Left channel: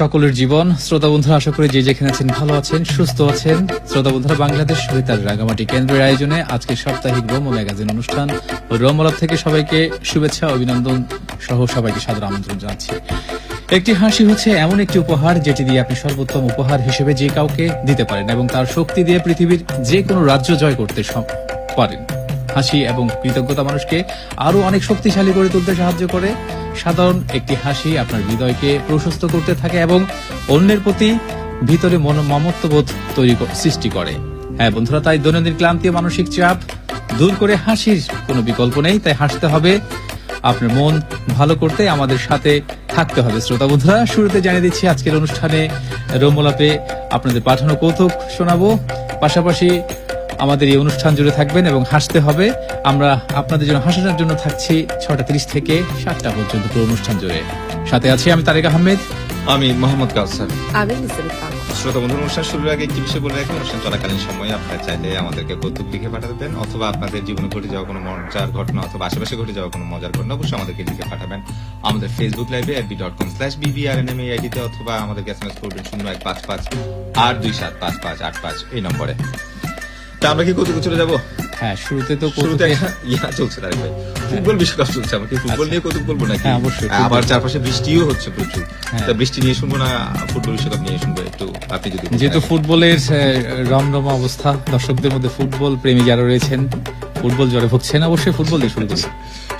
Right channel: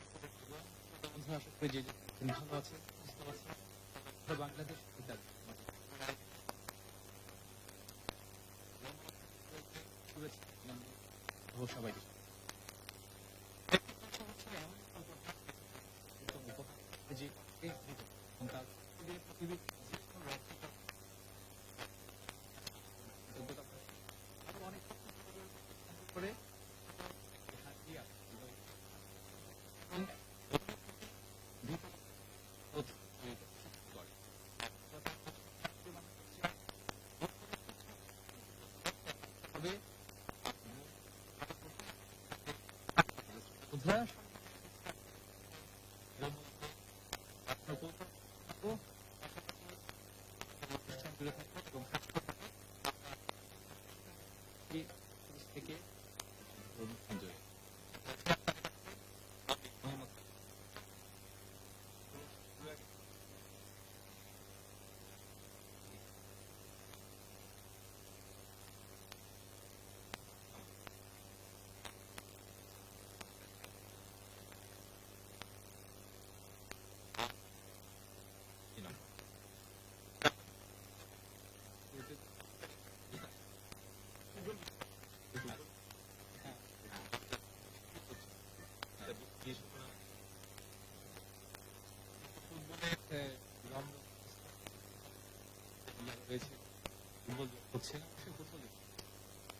সকলের জীবন। শ্রোতা বন্ধুরা, আশা করি যে যেখানে আছেন ভালো আছেন, সুস্থ আছেন। শ্রোতা বন্ধুরা, বাংলাদেশ বেতার রাঙামাটি কেন্দ্রের আয়োজনে আজকে সাপ্তাহিক রোম ম্যাগাজিন অনুষ্ঠান রোমলাভ থেকে সবাইকে শুভেচ্ছা, অভিনন্দন সহ সবাইকে সাদর আমন্ত্রণ জানাচ্ছি। একটি হাসি হচ্ছে এমন একটি উপহার যেটি দিয়ে আপনি সর্বোত্তম উপহার হিসেবে যে কাউকে দিতে পারেন এবং তার শক্তি দিয়ে পৃথিবীর যে কোনো রাজ্য জয় করতে পারেন। হাসি এবং কৃতজ্ঞতা মানুষকে আরো অনেক শক্তিশালী করে তুলতে সাহায্য করে। সাধারণ একটি হাসি আপনার হৃদয়কে প্রশস্ত করতে থাকে এবং অন্যের প্রতি ভিতরে মমত্ববোধ সৃষ্টি করে। হ্যাঁ বন্ধুরা, তাই দৈনন্দিন ক্লান্তি ও মানসিক চাপ দূর করে হাসির কোনো বিকল্প নেই। তাই হাসতে হবে, আপনার মন ভালো করতে আমাদের সাথে থাকতে হবে। শ্রোতা বন্ধুরা, শুরুতে জানিয়ে দিচ্ছি আজকের অনুষ্ঠানে রোমলাপে আপনাদের পাঠানো কৌতুক শোনাবো। পাশাপাশি আমাদের এই অনুষ্ঠান জুড়ে থাকবেন এবং হাসতে হবে। আমরা আপনাদের জন্য হাসানোর জন্য থাকছি 6:30 থেকে 7টা পর্যন্ত পুরো অনুষ্ঠান জুড়ে। সাথে আছি আমি তারেক আহমেদ, আমি মোহাম্মদ কাউসার। আমি নিসারুল হক। শ্রোতা বন্ধুর, অনুষ্ঠান শুরুর আগে একটি বিষয় বলে রাখি, অনুষ্ঠান চলাকালীন সময়ে আপনারা চাইলে আমাদেরকে কৌতুক লিখে পাঠাবেন, অথবা আপনাদের জীবনে ঘটে যাওয়া কোনো মজার ঘটনা অথবা আশেপাশে ঘটে যাওয়া কোনো মজার ঘটনা অবশ্যই আমাদেরকে লিখে পাঠাবেন আমাদের ফেসবুক লাইভে fb.com/bbRNMAID তে, অথবা আমাদেরকে SMS করবেন 0155-827-5585 এই নম্বরে। তা আমরা কি কৌতুক চলে যাবো? হ্যাঁ, শুরুতে চলছে তারেক ভাই, ফুটবল বিশ্বকাপ চলছে। আমরা কি ফুটবল নিয়ে কৌতুক বলবো নাকি? হ্যাঁ, অবশ্যই। আবার চারপাশে বৃষ্টিও হচ্ছে প্রচুর। তা বৃষ্টি নিয়ে শুনবো না ফুটবল বিশ্বকাপ নিয়ে শুনবো? একটু আপনি যদি, যেহেতু ফুটবলের রমরমা অবস্থা, দর্শকদের মধ্যে ফুটবল প্রেমী যারা রয়েছেন ফুটবল জ্বরে ভুগছেন, অবশ্যই ফুটবল দিয়ে শুরু করছি।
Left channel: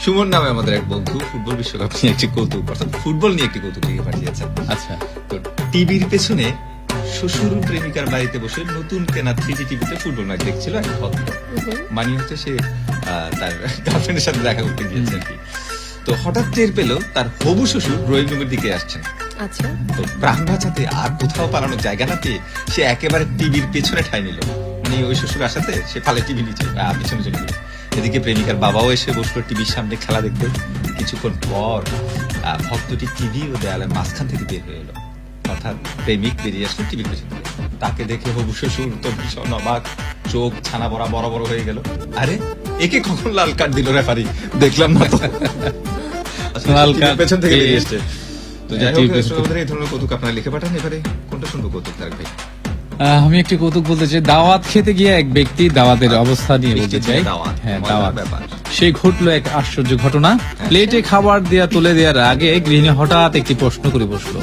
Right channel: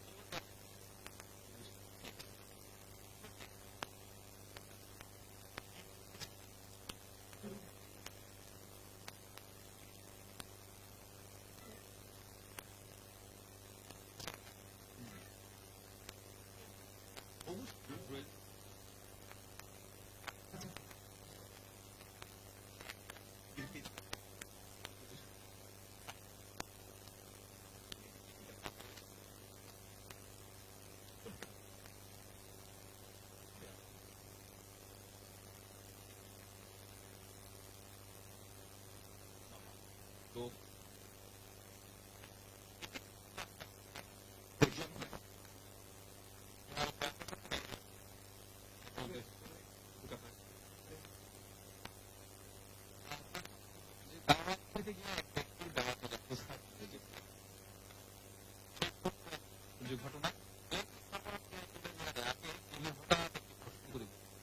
সুমন নামে আমাদের এক বন্ধু ফুটবল বিশ্বকাপ নিয়ে একটি কৌতুক, অর্থাৎ ফুটবল নিয়ে একটি কৌতুক লিখে পাঠিয়েছেন। আচ্ছা, তো টিভির পেছনে শ্বশুর প্রেমিকার বাড়িতে বসে নতুন কেনা 3D টিভিতে ফুটবল ম্যাচ দেখছিল এক ভদ্র। মানে হচ্ছে সে তার গার্লফ্রেন্ডের সাথে দেখা করতে গিয়েছে আর কি। তো হঠাৎ টের পেল তার হবু শ্বশুর ড্রয়িং রুমের দিকে আসছেন। আচ্ছা, তো প্রাণ বাঁচাতে আর কোথাও পালানোর জায়গা না পেয়ে সে একেবারে টিভির পেছনে ঠাঁই নিল। মানে ওই শ্বশুর আসাতে সে ফালে টিভি নিচে পিছনে চলে গেল। এদিকে প্রেমিকার বাবাও এসে বসলো টিভির সামনে খেলা দেখতে। কিছুক্ষণ পর ভক্তটি টিভি ও দেয়ালের মাঝখান থেকে বের হয়ে এলো, অর্থাৎ প্রেমিক বেরিয়ে আসলো টিভির পেছন থেকে। তাকে দেখে হবু শ্বশুর তো ভীষণ অবাক, চোখ ছানা বড় বড় হয়ে গেল। আরে একে কখন লাল কার্ড দিল রেফারি, দেখলাম না তো। লাল কার্ড পেছন থেকে বেরিয়ে এসছে। তো যাই হোক, এই ধরনের কৌতুক আপনারা লিখে পাঠান। এবারে কোনটা শুনবো কৌতুক তারেক ভাই? আমি একটি কৌতুক বলতে চাই। দাওয়াত খেতে গিয়ে এক ব্যক্তি দাওয়াতের অবস্থা নিয়ে বলতে চাই। হ্যাঁ, দাওয়াত। সেই ঘটলো এক আশ্চর্য ঘটনা। প্লেটে খাবার তুলে দেওয়ার আগে গৃহিণী হঠাৎ একটি প্রশ্ন করে বসলো।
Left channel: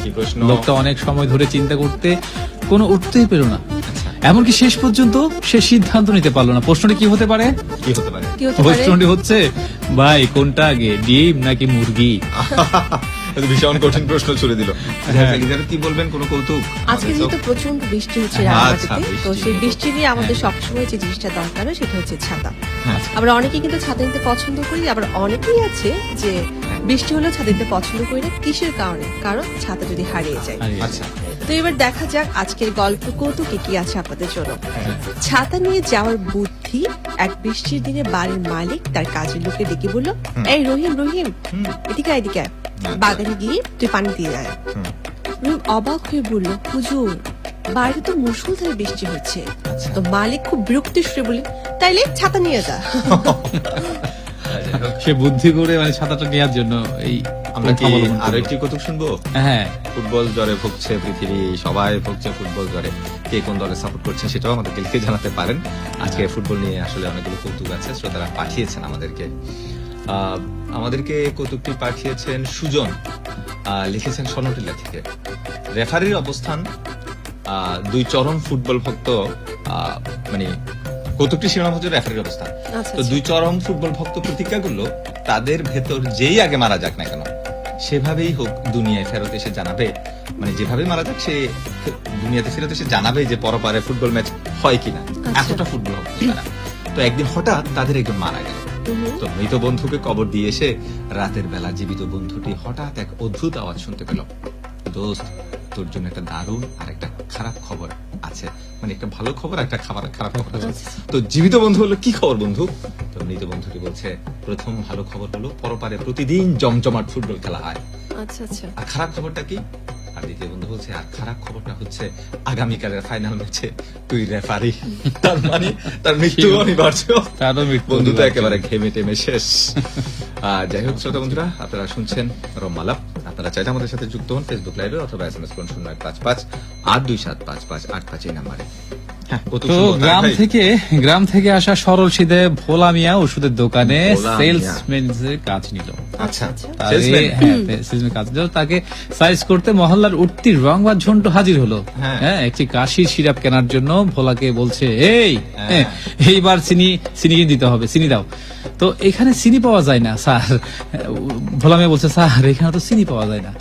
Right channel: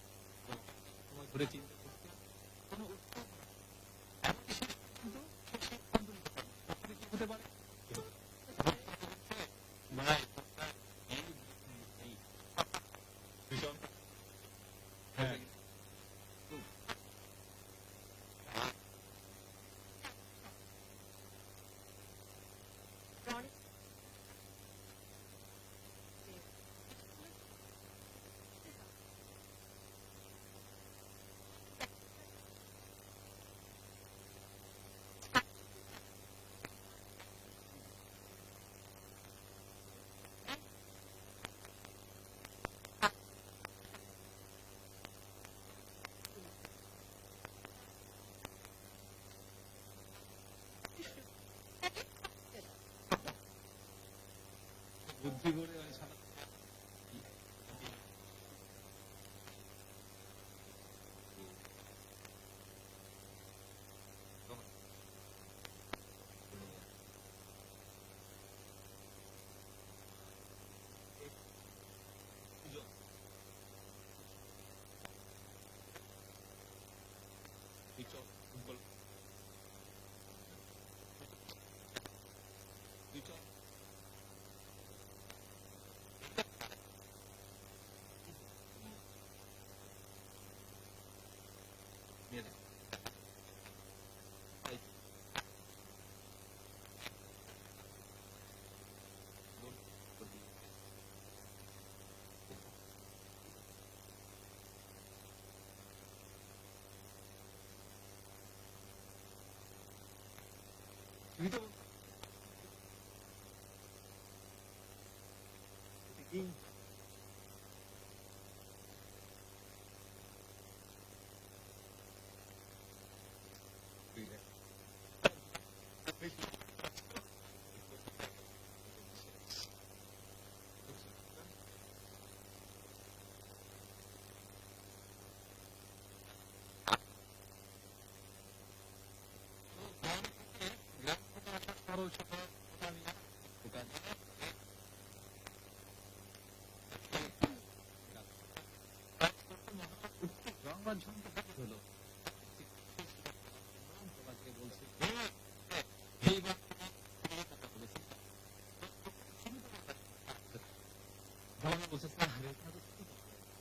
লোকটা অনেক সময় ধরে চিন্তা করতে কোনো উঠতেই পেল না। এমনকি শেষ পর্যন্ত সে সিদ্ধান্ত নিতে পারলো না। প্রশ্নটি কি হতে পারে? প্রশ্নটি হচ্ছে, ভাই কোনটা আগে, ডিম নাকি মুরগি? ভীষণ কঠিন প্রশ্ন ছুড়ে দিল। কি বলবেন, কোন কৌতুক? আজকে যেহেতু প্রচন্ড বৃষ্টি হচ্ছে রাঙামাটিতে, তো সেই বৃষ্টি নিয়ে আমাদের সবসময় যে জিনিসটা দরকার হয় সেটা হচ্ছে ছাতা। আমরা অনেকেই কিন্তু ছাতা নিতে পছন্দ করি, আবার অনেকেই আছে যে বৃষ্টি হলেও ছাতা নিতে পছন্দ করি না। কিসের কারণে? কারণ ছাতা যদি হারিয়ে যায়। আচ্ছা, তো এবার দেখা যাক আজকের গল্প কৌতুকে কি আছে আপনাদের জন্য। ছাতা নিয়ে যাওয়ার বুদ্ধি। এক বৃষ্টির দিনে বাড়ির মালিক তার কাজের লোককে ডেকে বলল, এই রহিম রহিম, এদিকে এদিকে বাগানে গিয়ে তুই পানি দিয়ে আয়। রহিম অবাক হয়ে বলল, হুজুর বাইরে তো মুষলধারে বৃষ্টি হচ্ছে। তো মালিক খুব বিরক্তি সুরে বললেন, তাইলে ছাতা নিয়ে যা। সে বুদ্ধি করে মানে ছাতাটা নেওয়ার জন্য। এই আমরা কি আরো একটি কৌতুক শুনবো? হ্যাঁ, ফুটবল জ্বরে ভুগছে পৃথিবী, সবাই ভুগছে ফুটবল জ্বরে। কে কোন দলে সাপোর্ট করছেন সেটাও আমাদেরকে লিখে জানাতে পারেন। আজকে ফুটবল নিয়ে আসলে অনেকগুলো কৌতুক আছে, শ্রোতারা পাঠিয়েছেন আমাদেরকে কৌতুকটি পাঠিয়েছেন সুজন, লিখেছেন সনটিলা থেকে। রেফারির অবস্থান, দুই চরম ফুটবল ভক্ত, মানে কৌতুকটি শিরোনাম হচ্ছে রেফারির অবস্থান। তো দুই চরম ফুটবল ভক্ত প্রতিজ্ঞা করলো তাদের ভেতর যেই আগে মারা যাক না কেন সেভাবেই হোক দুনিয়ায় ফেরত এসে জানাবে, মানে যেভাবে মারা যাক সে দুনিয়াতে ফেরত এসে জানাবে যে পরপারে ফুটবল ম্যাচ হয় কিনা। এতটা ফুটবল ভক্ত তারা। তো একদিন হঠাৎ তাদের একজন মারা গেল। তো মৃত বন্ধুকে কবর দিয়ে এসে রাতের বেলা জীবিত বন্ধুটি হঠাৎ এক অদ্ভুত আওয়াজ শুনতে পেল, দোস্ত তোর জন্য একটা দারুণ আর একটা খারাপ খবর আছে। মানে একটা ভালো খবর, একটা খারাপ খবর আছে। তো জীবিত বন্ধু হলো, কি খবর বন্ধু? তো মৃত বন্ধুটি বলছে, প্রথম ভালো খবর হলো পরপারে প্রতিদিন জমজমাট ফুটবল খেলা হয়। আচ্ছা আচ্ছা। আর খারাপ খবরটা কি? আর দ্বিতীয় বন্ধু বলছে, আর খারাপ খবরটা হচ্ছে আগামীকালের ফাইনাল ম্যাচে তুই রেফারি। তার মানে তার মৃত্যু অনিবার্য। বন্ধু তো একেবারে ঘেমে টেমে শেষ। যাই হোক শ্রোতা বন্ধুরা, আপনারা শুনছেন রোমলাভ। আপনারা চাইলে আমাদের সাথে যুক্ত হন ফেসবুক লাইভে অথবা SMS করুন 01558278585 এই নাম্বারে। হ্যাঁ, কত তো সুন্দর, গ্রাম ভাই। থেকে আসা সরল সিধে ভোলা মিয়া ওষুধের দোকানে ভোলা মিয়া। সেলসম্যান এর কাজ নিল। আচ্ছা, তারে- salesman? হ্যাঁ, salesman কাজ দিল। তাকে সাইজ করতে মহল্লার উঠতি রংবাজ ঝন্টু হাজির হলো। হ্যাঁ। হ্যাঁ, একটি কাশির সিরাপ কেনার জন্য ভোলাকে বলছে, এই হ্যাঁ। এইবার চিনি কিনে দিতে হবে, চিনি দাও। তো এখানে চিনি পাওয়া যায় না স্যার। ভোলা মেয়ে বলছে, স্যার এখানে তো চিনি পাওয়া যায় না।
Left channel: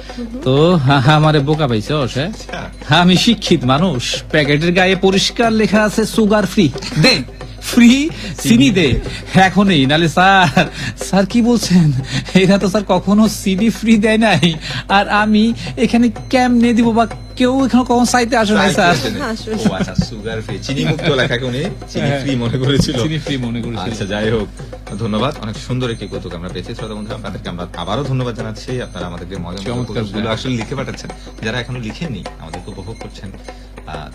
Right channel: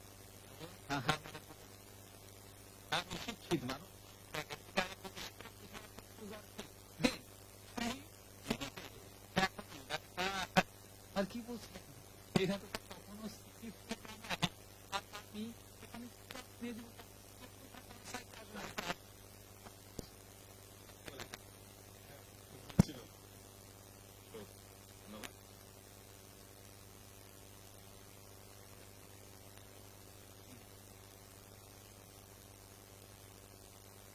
তো আমারে বোকা পাইছে আমি শিক্ষিত মানুষ, প্যাকেটের গায়ে পরিষ্কার লেখা আছে সুগার ফ্রি, দে ফ্রি চিনি দে এখনই, নালে স্যার কি বলছেন, এরা তো স্যার কখনো চিনি ফ্রি দেয় নাই। আর আমি এখানে কেমনে দিব, বা কেউ এখানে কখন চাইতে আসে নাই স্যার। ও আচ্ছা, সুগার ফ্রি, চিনি মুক্ত লেখাকে উনি চিনি ফ্রি মনে করেছিল। চিনি ফ্রি মনে করেছিল। আচ্ছা, যাই হোক, ধন্যবাদ। অনেক সুন্দর একটি কৌতুক আমরা পেয়েছি। শ্রোতা বন্ধুরা, আপনাদেরকে আমরা আবারও ধন্যবাদ জানাচ্ছি। আপনারা আমাদেরকে মজার চমৎকার, কৌতুকগুলো হ্যাঁ। আসলে লিখে পাঠাচ্ছেন। যারা এখনো লিখেননি, আমাদেরকে উপভোগ করছেন,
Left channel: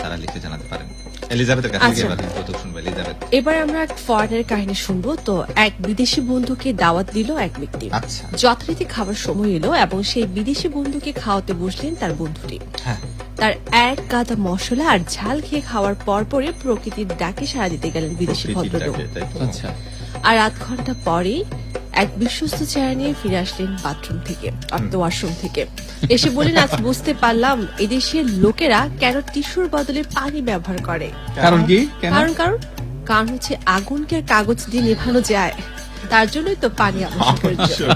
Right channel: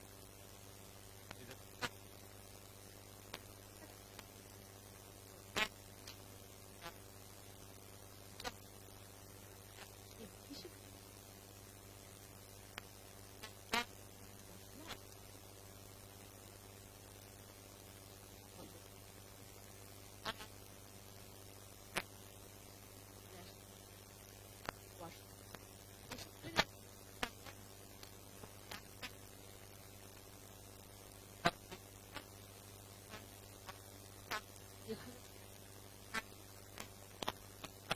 তারা লিখে জানাতে পারেন। এলিজাবেথের কাছে আচ্ছা। এবার কৌতুক শুনবো। এলিজাবেথ। এবার আমরা এক ফরেনের কাহিনী শুনবো। তো এক বিদেশি বন্ধুকে দাওয়াত দিল এক ব্যক্তি। আচ্ছা। যথারীতি খাবার সময় এলো এবং সেই বিদেশি বন্ধুকে খাওয়াতে বসলেন তার বন্ধুটি। হ্যাঁ। তার এক গাদা মশলা আর ঝাল খেয়ে খাওয়ার পরে প্রকৃতির ডাকে সাড়া দিতে গেলেন বিদেশি ভদ্রলোক। প্রকৃতিটাকে, তাই তো? আচ্ছা, আর আধ ঘন্টা পরেই এক বিশ্বস্ত চেয়ার নিয়ে ফিরে আসলেন বাথরুম থেকে, ওয়াশরুম থেকে। এসে বলেন, আজ বুঝতে পারলাম এদেশের লোকেরা কেন টিস্যুর বদলে পানি ব্যবহার করে। কারণ কি? কেন? কারণ হচ্ছে আগুনকে আর কাগজ দিয়ে নেভানো যায়, তার জন্যই তো পানি আবশ্যক।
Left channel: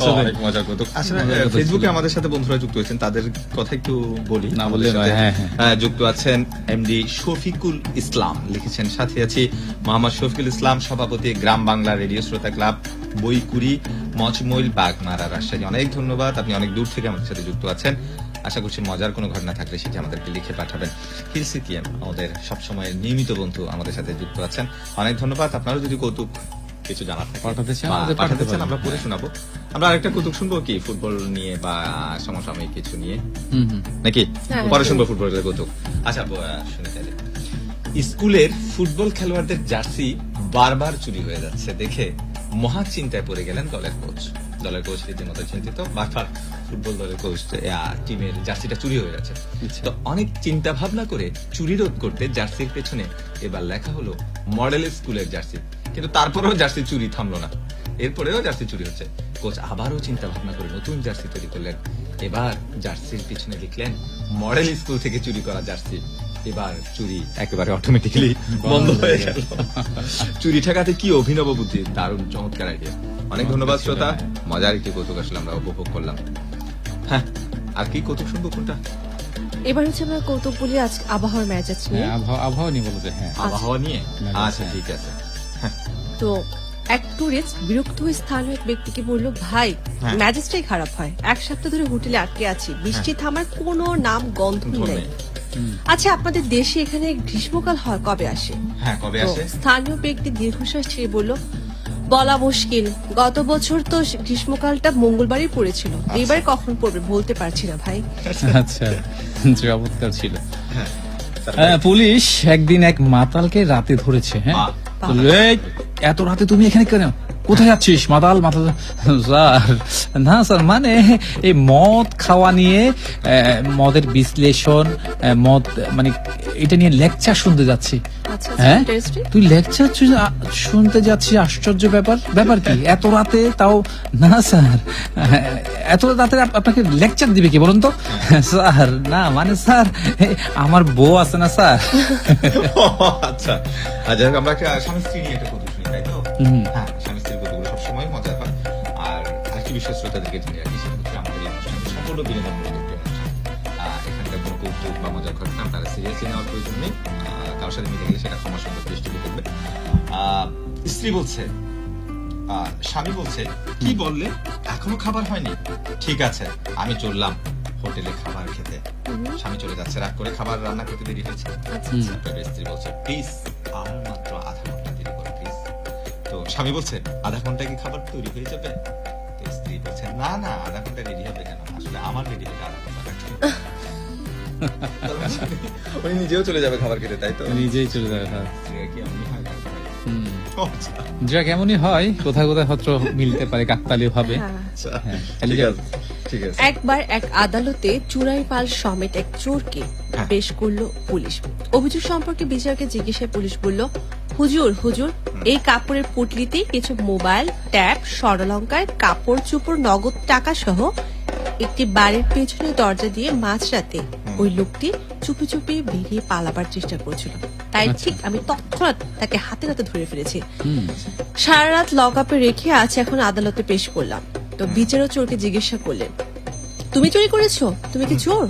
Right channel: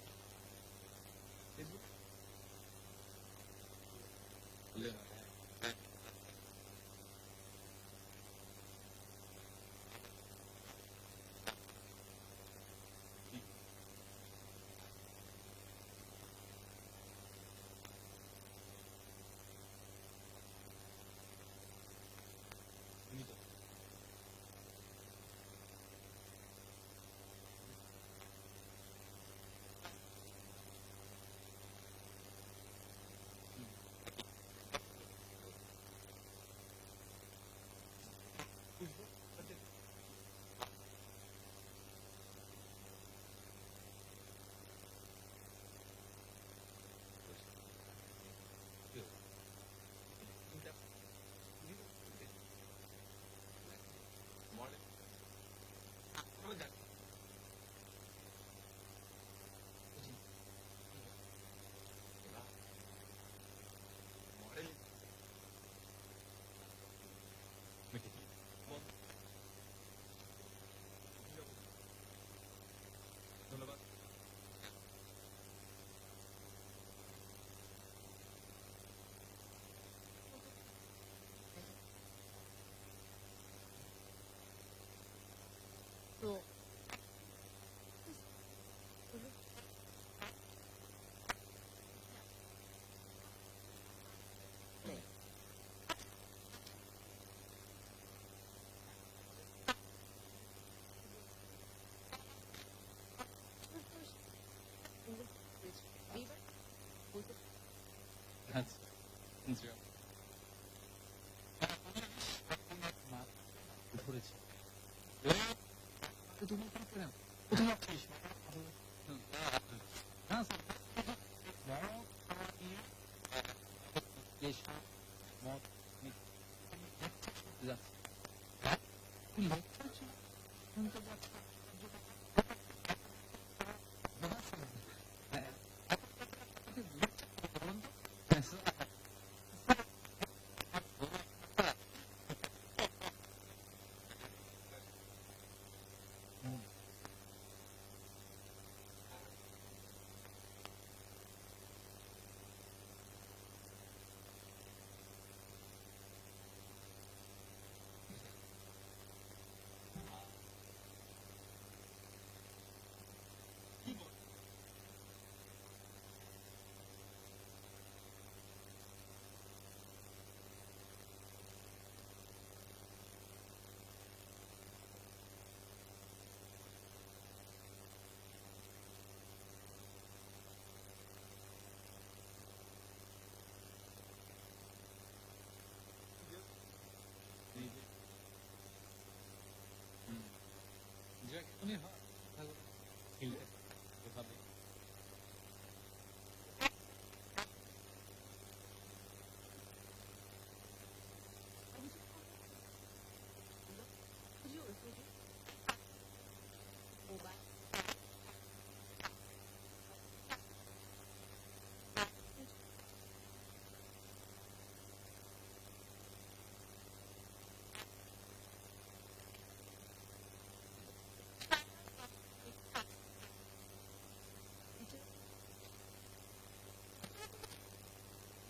অনেক মজার কৌতুক। আসলে ফেসবুকে আমাদের সাথে বন্ধুরা যুক্ত হয়েছেন, তাদের কথা একটু বলি। না বললে আমাদের নয়, সাথে, হ্যাঁ। যুক্ত আছেন এমডি শফিকুল ইসলাম, লিখেছেন সাথে আছি মোহাম্মদ শফিকুল ইসলাম, সভাপতি গ্রাম বাংলা রেডিও শ্রোতা ক্লাব, বইকুড়ি, মচমইল, বাগমারা, রাজশাহী। অনেক ধন্যবাদ, আপনি অনেক দূর থেকে আমাদের সাথে যুক্ত আছেন। আশা করছি মজার কোনো ঘটনা থাকলে সেটি আমাদেরকে লিখে পাঠাবেন। হিলসিকিএম আমাদের সবসময়ের নিয়মিত বন্ধু আমাদের সাথে যুক্ত আছেন, অনেক ধন্যবাদ। আপনারও যদি কৌতুক কিছু জানার থাকে পাঠাতে চান, বা আমাদের পাঠাতে পাঠাতে চান, পারেন। আমরা পড়ে শোনাবো। আমরা আরেকটা কৌতুক শুনবো কি, ফুটবল নিয়ে বা সমসাময়িক কিছু নিয়ে, নাকি হ্যাঁ, পরে শুনবো ফুটবলের কৌতুক। আচ্ছা, শুনে চাইলে স্কুলের ফুটবল খেলোয়াড়দের জার্সি বারবার চুরি হয়ে যাচ্ছে দেখে মহা চিন্তায় পড়ে গেলেন দলের কোচ রীতিমতো চিন্তিত। বারবার ফুটবল দলের কোচ টিমের জার্সিটা চুরি হয়ে যাচ্ছে। তো অনেক চিন্তা ভাবনা করে চুরি রোধ করতে জার্সির পেছনে এবার লেখা হলো মডেল স্কুলের জার্সি, কিন্তু তারপরেও জার্সি চুরি থামলো না, এরপরেও জার্সি চুরি হচ্ছে। কোচ আবারও চিন্তা ভাবনা করে নতুন জার্সি তৈরি করলেন। এবার জার্সির পিছনে লিখলেন মডেল স্কুল থেকে চুরি করা জার্সি। এবার চুরি একেবারে অটোমেটিক্যালি বন্ধ হয়ে গেল। চুরি ঠেকাতে কি অভিনব বুদ্ধি, দারুণ চমৎকার আইডিয়া। অনেক ধন্যবাদ শ্রোতা, মজার একটি কৌতুক আসলে আমরা উপভোগ করলাম। হ্যাঁ, আর কি কৌতুক শুনবো কোনটা? এবার হচ্ছে আমরা কৌতুক বলি আজ আবহাওয়ার মেজাজ নিয়ে। হ্যাঁ, আবহাওয়া নিয়ে বলতে, হ্যাঁ। আবহাওয়া নিয়ে? আচ্ছা, হ্যাঁ। ঠিক আছে। তো এক টুরিস্ট বিরক্ত হয়ে স্থানীয় এক ব্যক্তিকে বলল, ভাই হ্যাঁ। মেজাজটাই খারাপ হয়, এক সপ্তাহ ধরে হোটেলে আটকে আছি, বৃষ্টি থামার কোনো নাম গন্ধ নেই। ধন্যবাদ। আচ্ছা, আপনাদের দেশে এখানে গ্রীষ্মকাল হয় কবে আসে? হ্যাঁ, কবে তো আসে? স্থানীয় ব্যক্তি দীর্ঘশ্বাস ছেড়ে বলল, বলা মুশকিল, গত বছর তো গ্রীষ্মকালটা মঙ্গলবারই পড়েছিল, এবার কখন পড়বে বলতে পারছি না ভাই। আচ্ছা, চমৎকার ছিল। হ্যাঁ। পুলিশ একদিন এক মাতালকে রাতে ধরেছে। হ্যাঁ, বাহ। বলল, "এই, এত রাতে তুমি এখানে কেন? কোথায় যাচ্ছিস মাতাল মাতাল?" স্যার, না স্যার, মানে এই মদ খাওয়া নিয়ে মদের বিশ্লেষণ, মদ মানে এটা নিয়ে লেকচার শুনতে যাচ্ছি। আচ্ছা, হ্যাঁ, ইন্টারেস্টিং। তুই লেকচার শুনতে যাচ্ছিস? আশ্চর্য ব্যাপার কি এত রাতে? তাও না স্যার, এত রাতে আপনাকে লেকচার দিবে কি বলুন তো? স্যার, না মানে স্যার, আমার বউ আছে না স্যার। আচ্ছা, যাই হোক, আমরা স্বামী স্ত্রী নিয়ে একটা কৌতুক শুনি, তাই তো? হুম। হ্যাঁ, স্বামী স্ত্রীর কৌতুকগুলো সবসময় মজার হয়। আর আরেকটি বিষয় শ্রোতাদেরকে জানিয়ে রাখি, সেটা হচ্ছে আমাদের এই অনুষ্ঠানটি সম্পূর্ণ বিনোদনমূলক একটি অনুষ্ঠান। এখানকার কোনো কৌতুক বা মজার ঘটনা আপনারা সিরিয়াসলি নেওয়ার প্রয়োজন নেই। কারোর সাথে মিলে গেলে সেটা ক্ষমা সুন্দর দৃষ্টিতে করবে। স্ত্রী বলছে, স্বামী বলছে, কি বললে, এখনো খাবার হয়নি? ঠিক আছে, আমি চললাম হোটেলে খাবার খেতে। স্বামী চলে যাচ্ছে, রাগ করে খাবার রান্না করতে দেরি হয়েছে। স্ত্রী বলছে, প্লিজ আর মাত্র আধা ঘন্টা দেরি করো প্লিজ। তো স্বামী বলছে, আধা ঘন্টা কি খাবার তৈরি হয়ে যাবে? তো স্ত্রী বলছে, না না, আধা ঘন্টা রেডি হবে কেন, আসলে আমার রেডি হতে আধা ঘন্টা লাগবে। উনি নিজেও চলে যাবে খাবার খেতে, তাই তো? নিজেই চলে যাবে। হ্যাঁ। স্ত্রীরা কি এমনই হয়? আচ্ছা, যা কেমনই হয়, কোথায় কোথায় হয়তো মিলতে পারে কাকতালীয় ভাবে। হ্যাঁ। আচ্ছা, হ্যাঁ, ঠিক আছে। ঠিক আছে। একবার এক আদালতে চুরাই পাল সমেত এক চোরকে হ্যাঁ। পেশ করলো পুলিশ। অভিযোগ সম্পর্কে বিচারকে জিজ্ঞাসায় পুলিশ বলল, হুজুর হুজুর এই কাপড়ের পুটলিতে কিছু মোবাইল, ট্যাব, স্বর্ণালঙ্কার, কাপড় চোপড়, নগদ টাকা সহ একটি বাড়ির পেছনে দরজা দিয়ে মাঝরাতে ওই লোকটি চুপি চুপি বেরিয়ে পালাবার চেষ্টা করছিল। তাই ঠিক আমি তৎক্ষণাৎ তাকে হাতে নাতে ধরে ফেলেছি। সারা রাত লক আপে রেখে আজ এখন আদালতে পেশ করলাম। তো বিচারক চোরকে জিজ্ঞাসা করলেন, তুমি চুরি করেছো? তুমি কি চোর?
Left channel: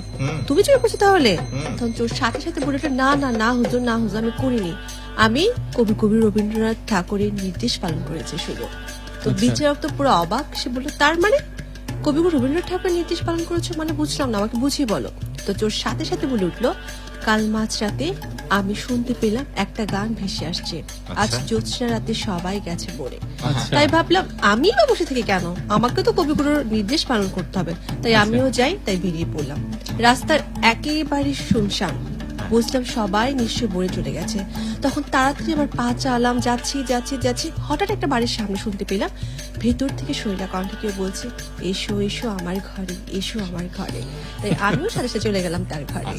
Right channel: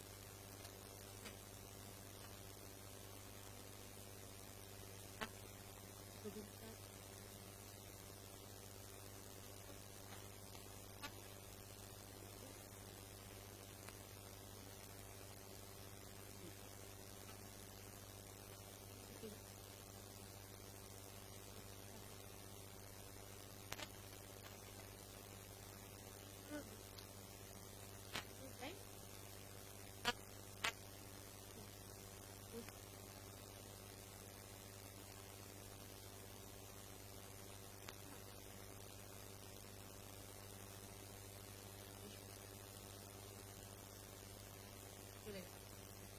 তুমি চুরি করছো তাহলে? তখন চোর সাথে সাথে বলে উঠলো, না না না হুজুর, না হুজুর, আমি করিনি, আমি কবি রবীন্দ্রনাথ ঠাকুরের নির্দেশ পালন করেছি শুধু। তো বিচারক তো পুরো অবাক, সে বললো, তার মানে কবিগুরু রবীন্দ্রনাথ ঠাকুরের নির্দেশ পালন করেছো মানে? বুঝলাম না, আমাকে বুঝিয়ে বলো। তো চোর সাথে সাথে বলে উঠলো, কাল মাঝরাতে আমি শুনতে পেলাম একটা গান ভেসে আসছে, আজ জ্যোৎস্না রাতে সবাই গেছে বলে। তাই ভাবলাম আমি বা বসে থেকে কেন, আমাকে তো কবিগুরুর নির্দেশ পালন করতে হবে, তাই আমিও যাই, তাই বেরিয়ে পড়লাম। রাস্তার একেবারে শুনশান, বুঝলাম সবাই নিশ্চয় বলে চলে গেছে। তখন তাড়াতাড়ি আমার পা চালাম, যাচ্ছি যাচ্ছি যাচ্ছি, হঠাৎ একটা বাড়ির সামনে শুনতে পেলাম ভেতর থেকে শরীরা কণ্ঠে কেউ বলছে, এসো এসো আমার ঘরে, এসো আমার ঘরে। তাই আমিও সাথে সাথে চলে গেলাম তার ঘরে।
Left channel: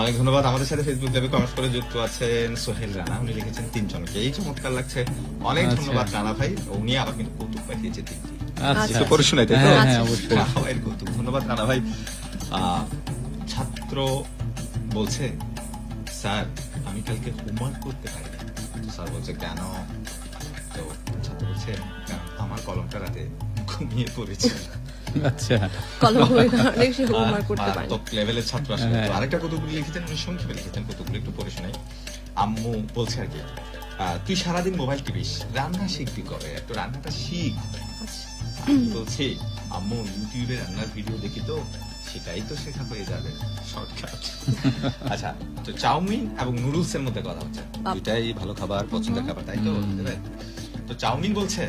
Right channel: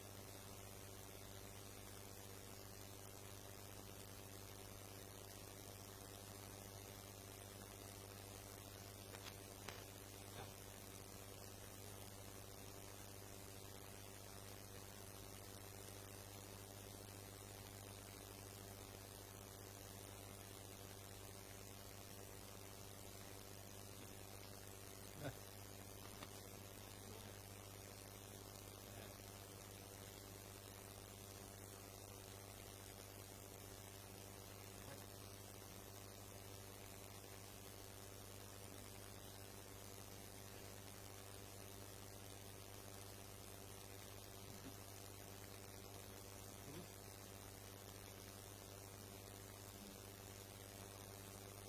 অনেক ধন্যবাদ। আমাদের সাথে ফেসবুক লাইভে কমেন্ট করে যুক্ত আছেন সোহেল রানা, উনি লিখেছেন 3 জনকে, এই চমৎকার লাগছে। অনেক ধন্যবাদ রানা ভাই। উনি আবার কিন্তু কৌতুক পাঠিয়েছে 3টি। একটু পড়ে শোনাই, তাই তো? হ্যাঁ, অবশ্যই। ভাইয়ের কৌতুক। ধন্যবাদ রানা ভাই। ছাত্র বলছে, স্যার আমি কালকে হোমওয়ার্ক করতে পারি না। স্যার বলছে, কেন? তো ছাত্র বলছে, কারণ আমার কলমটা রাতে ঘুমিয়ে পড়েছে। আচ্ছা, কলম বই কারণে সে হোমওয়ার্ক করতে পারে। টপ লেভেলের ছাত্র আসলে। তো আরেকটা কতগুলো লিখেছেন, উনি সংক্ষেপে লিখেছেন, কতগুলো একটু পড়ে শোনাই। আম্মু বলছে আর কি, তুই সারাদিন মোবাইল টিপিস, রান্না শিখবি কবে? একটু রান্নাটা শিখ। আমি বলছি, আম্মু ইউটিউবে রান্নার ভিডিও দেখি তো, সেটাই তো শেখা হয়ে যাবে, শর্টকাট। আচ্ছা, তো চাউমিন এবং নুডলস এর মধ্যে কথা হচ্ছে, এটাই ভালো খাবার, পছন্দের খাবার, তাই তো? তো চাউমিন বলছে,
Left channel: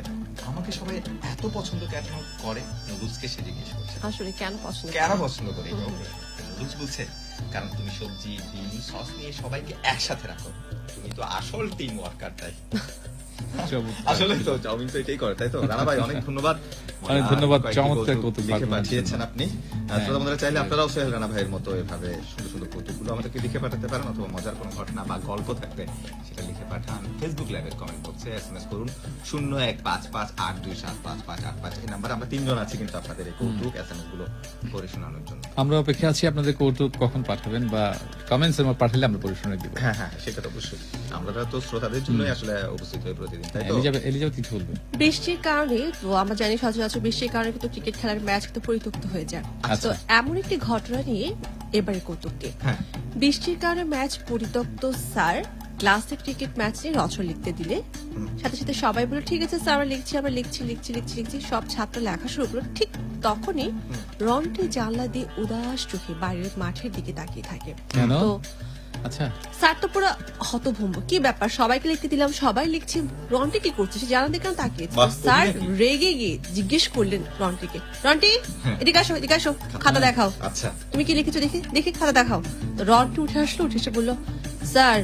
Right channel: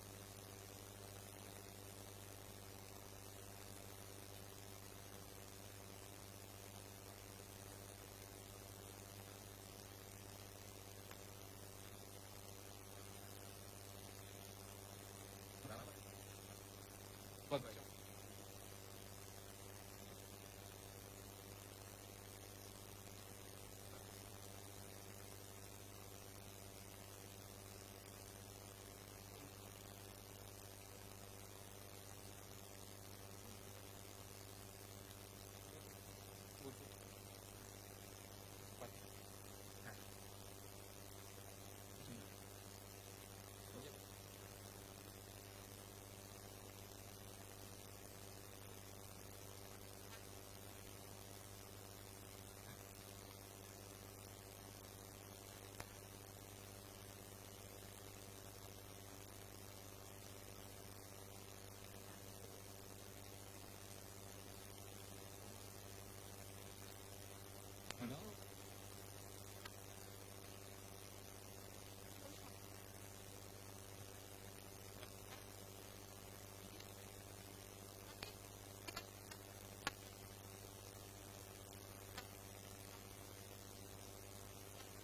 আমাকে সবাই এত পছন্দ কেন করে? নুডলসকে সে জিজ্ঞেস করছে, আসলে কেন পছন্দ কেন পছন্দ করি? নুডলস বলছে, কারণ তুমি সবজি, ডিম, সস নিয়ে সবাইকে একসাথে রাখো, তুমি তো আসল টিম ওয়ার্কার। তাই আসলে তো চাউমিন তো এটাই করে, তাই তো? রানা ভাই অনেক ধন্যবাদ। অনেক ধন্যবাদ, কয়েকটি চমৎকার কৌতুক কৌতুক লিখে পাঠানোর পাঠিয়েছেন জন্য। আপনি। আপনারা চাইলে আপনারাও সোহেল রানা ভাইয়ের মতো এভাবে সুন্দর সুন্দর কৌতুকগুলো আমাদেরকে লিখে পাঠাতে পারেন, অথবা মজার কোনো ঘটনা বা গল্প থাকলে সেটা লিখে পাঠান ফেসবুক লাইভের কমেন্ট বক্সে, এসএমএস করুন 015582755585। এই নাম্বারে আমরা 3 জন আছি কিন্তু আপনাদের এই কৌতুক এসএমএস গুলো করে শোনানোর জন্য। আমরা অপেক্ষা আছি আপনাদের কৌতুক কখন পাঠাবেন, বা কমেন্টস এর মধ্যে পাঠালে আমরা পরিশোনা দিব। হ্যাঁ হ্যাঁ, সেটা তো অবশ্যই। আমরা তো শ্রোতাদের জন্যই আসলে উপস্থিত হই প্রতিদিন, তাই তো? এলিজাবেথ কিছু বলবেন? বৃষ্টির কারণে, তো আমরা জানি সচরাচর বৃষ্টির কারণে কিন্তু ক্রিকেট খেলার ম্যাচ কিন্তু পরিত্যক্ত হয়ে যায়। তো এমন একটি ঘটনা নিয়ে এবারে কৌতুকটি। হ্যাঁ। বৃষ্টির কারণে ম্যাচ পরিত্যক্ত স্যার ক্লাসে ক্রিকেট ম্যাচ নিয়ে রচনা লিখতে দিলে সাথে সাথে সবাই বলে, ঠিক আছে স্যার, আমরা লিখছি। সব ছাত্র লেখা শুরু করলো। ঠিক তখনই রন্টি জানলা দিয়ে উদাস চোখে বাইরের মাঠের দিকে তাকিয়ে থাকে। কেন? তো আচ্ছা, স্যার তো পুরো হতভম্ব, কি ব্যাপার, সবাইকে লিখতে দিলাম, সবাই লিখছি, রন্টি কি করছে? সে জানা দেখে তাকিয়ে। স্যার রেগে গিয়ে জিজ্ঞেস করলেন রন্টিকে, রন্টি এদিকে আসো, খাতা দেখাও। আচ্ছা, তুমি কি লিখেছো দেখি খাতা দেখাও। তো রন্টি উঠে আসলো, উঠে এসে বললো, স্যার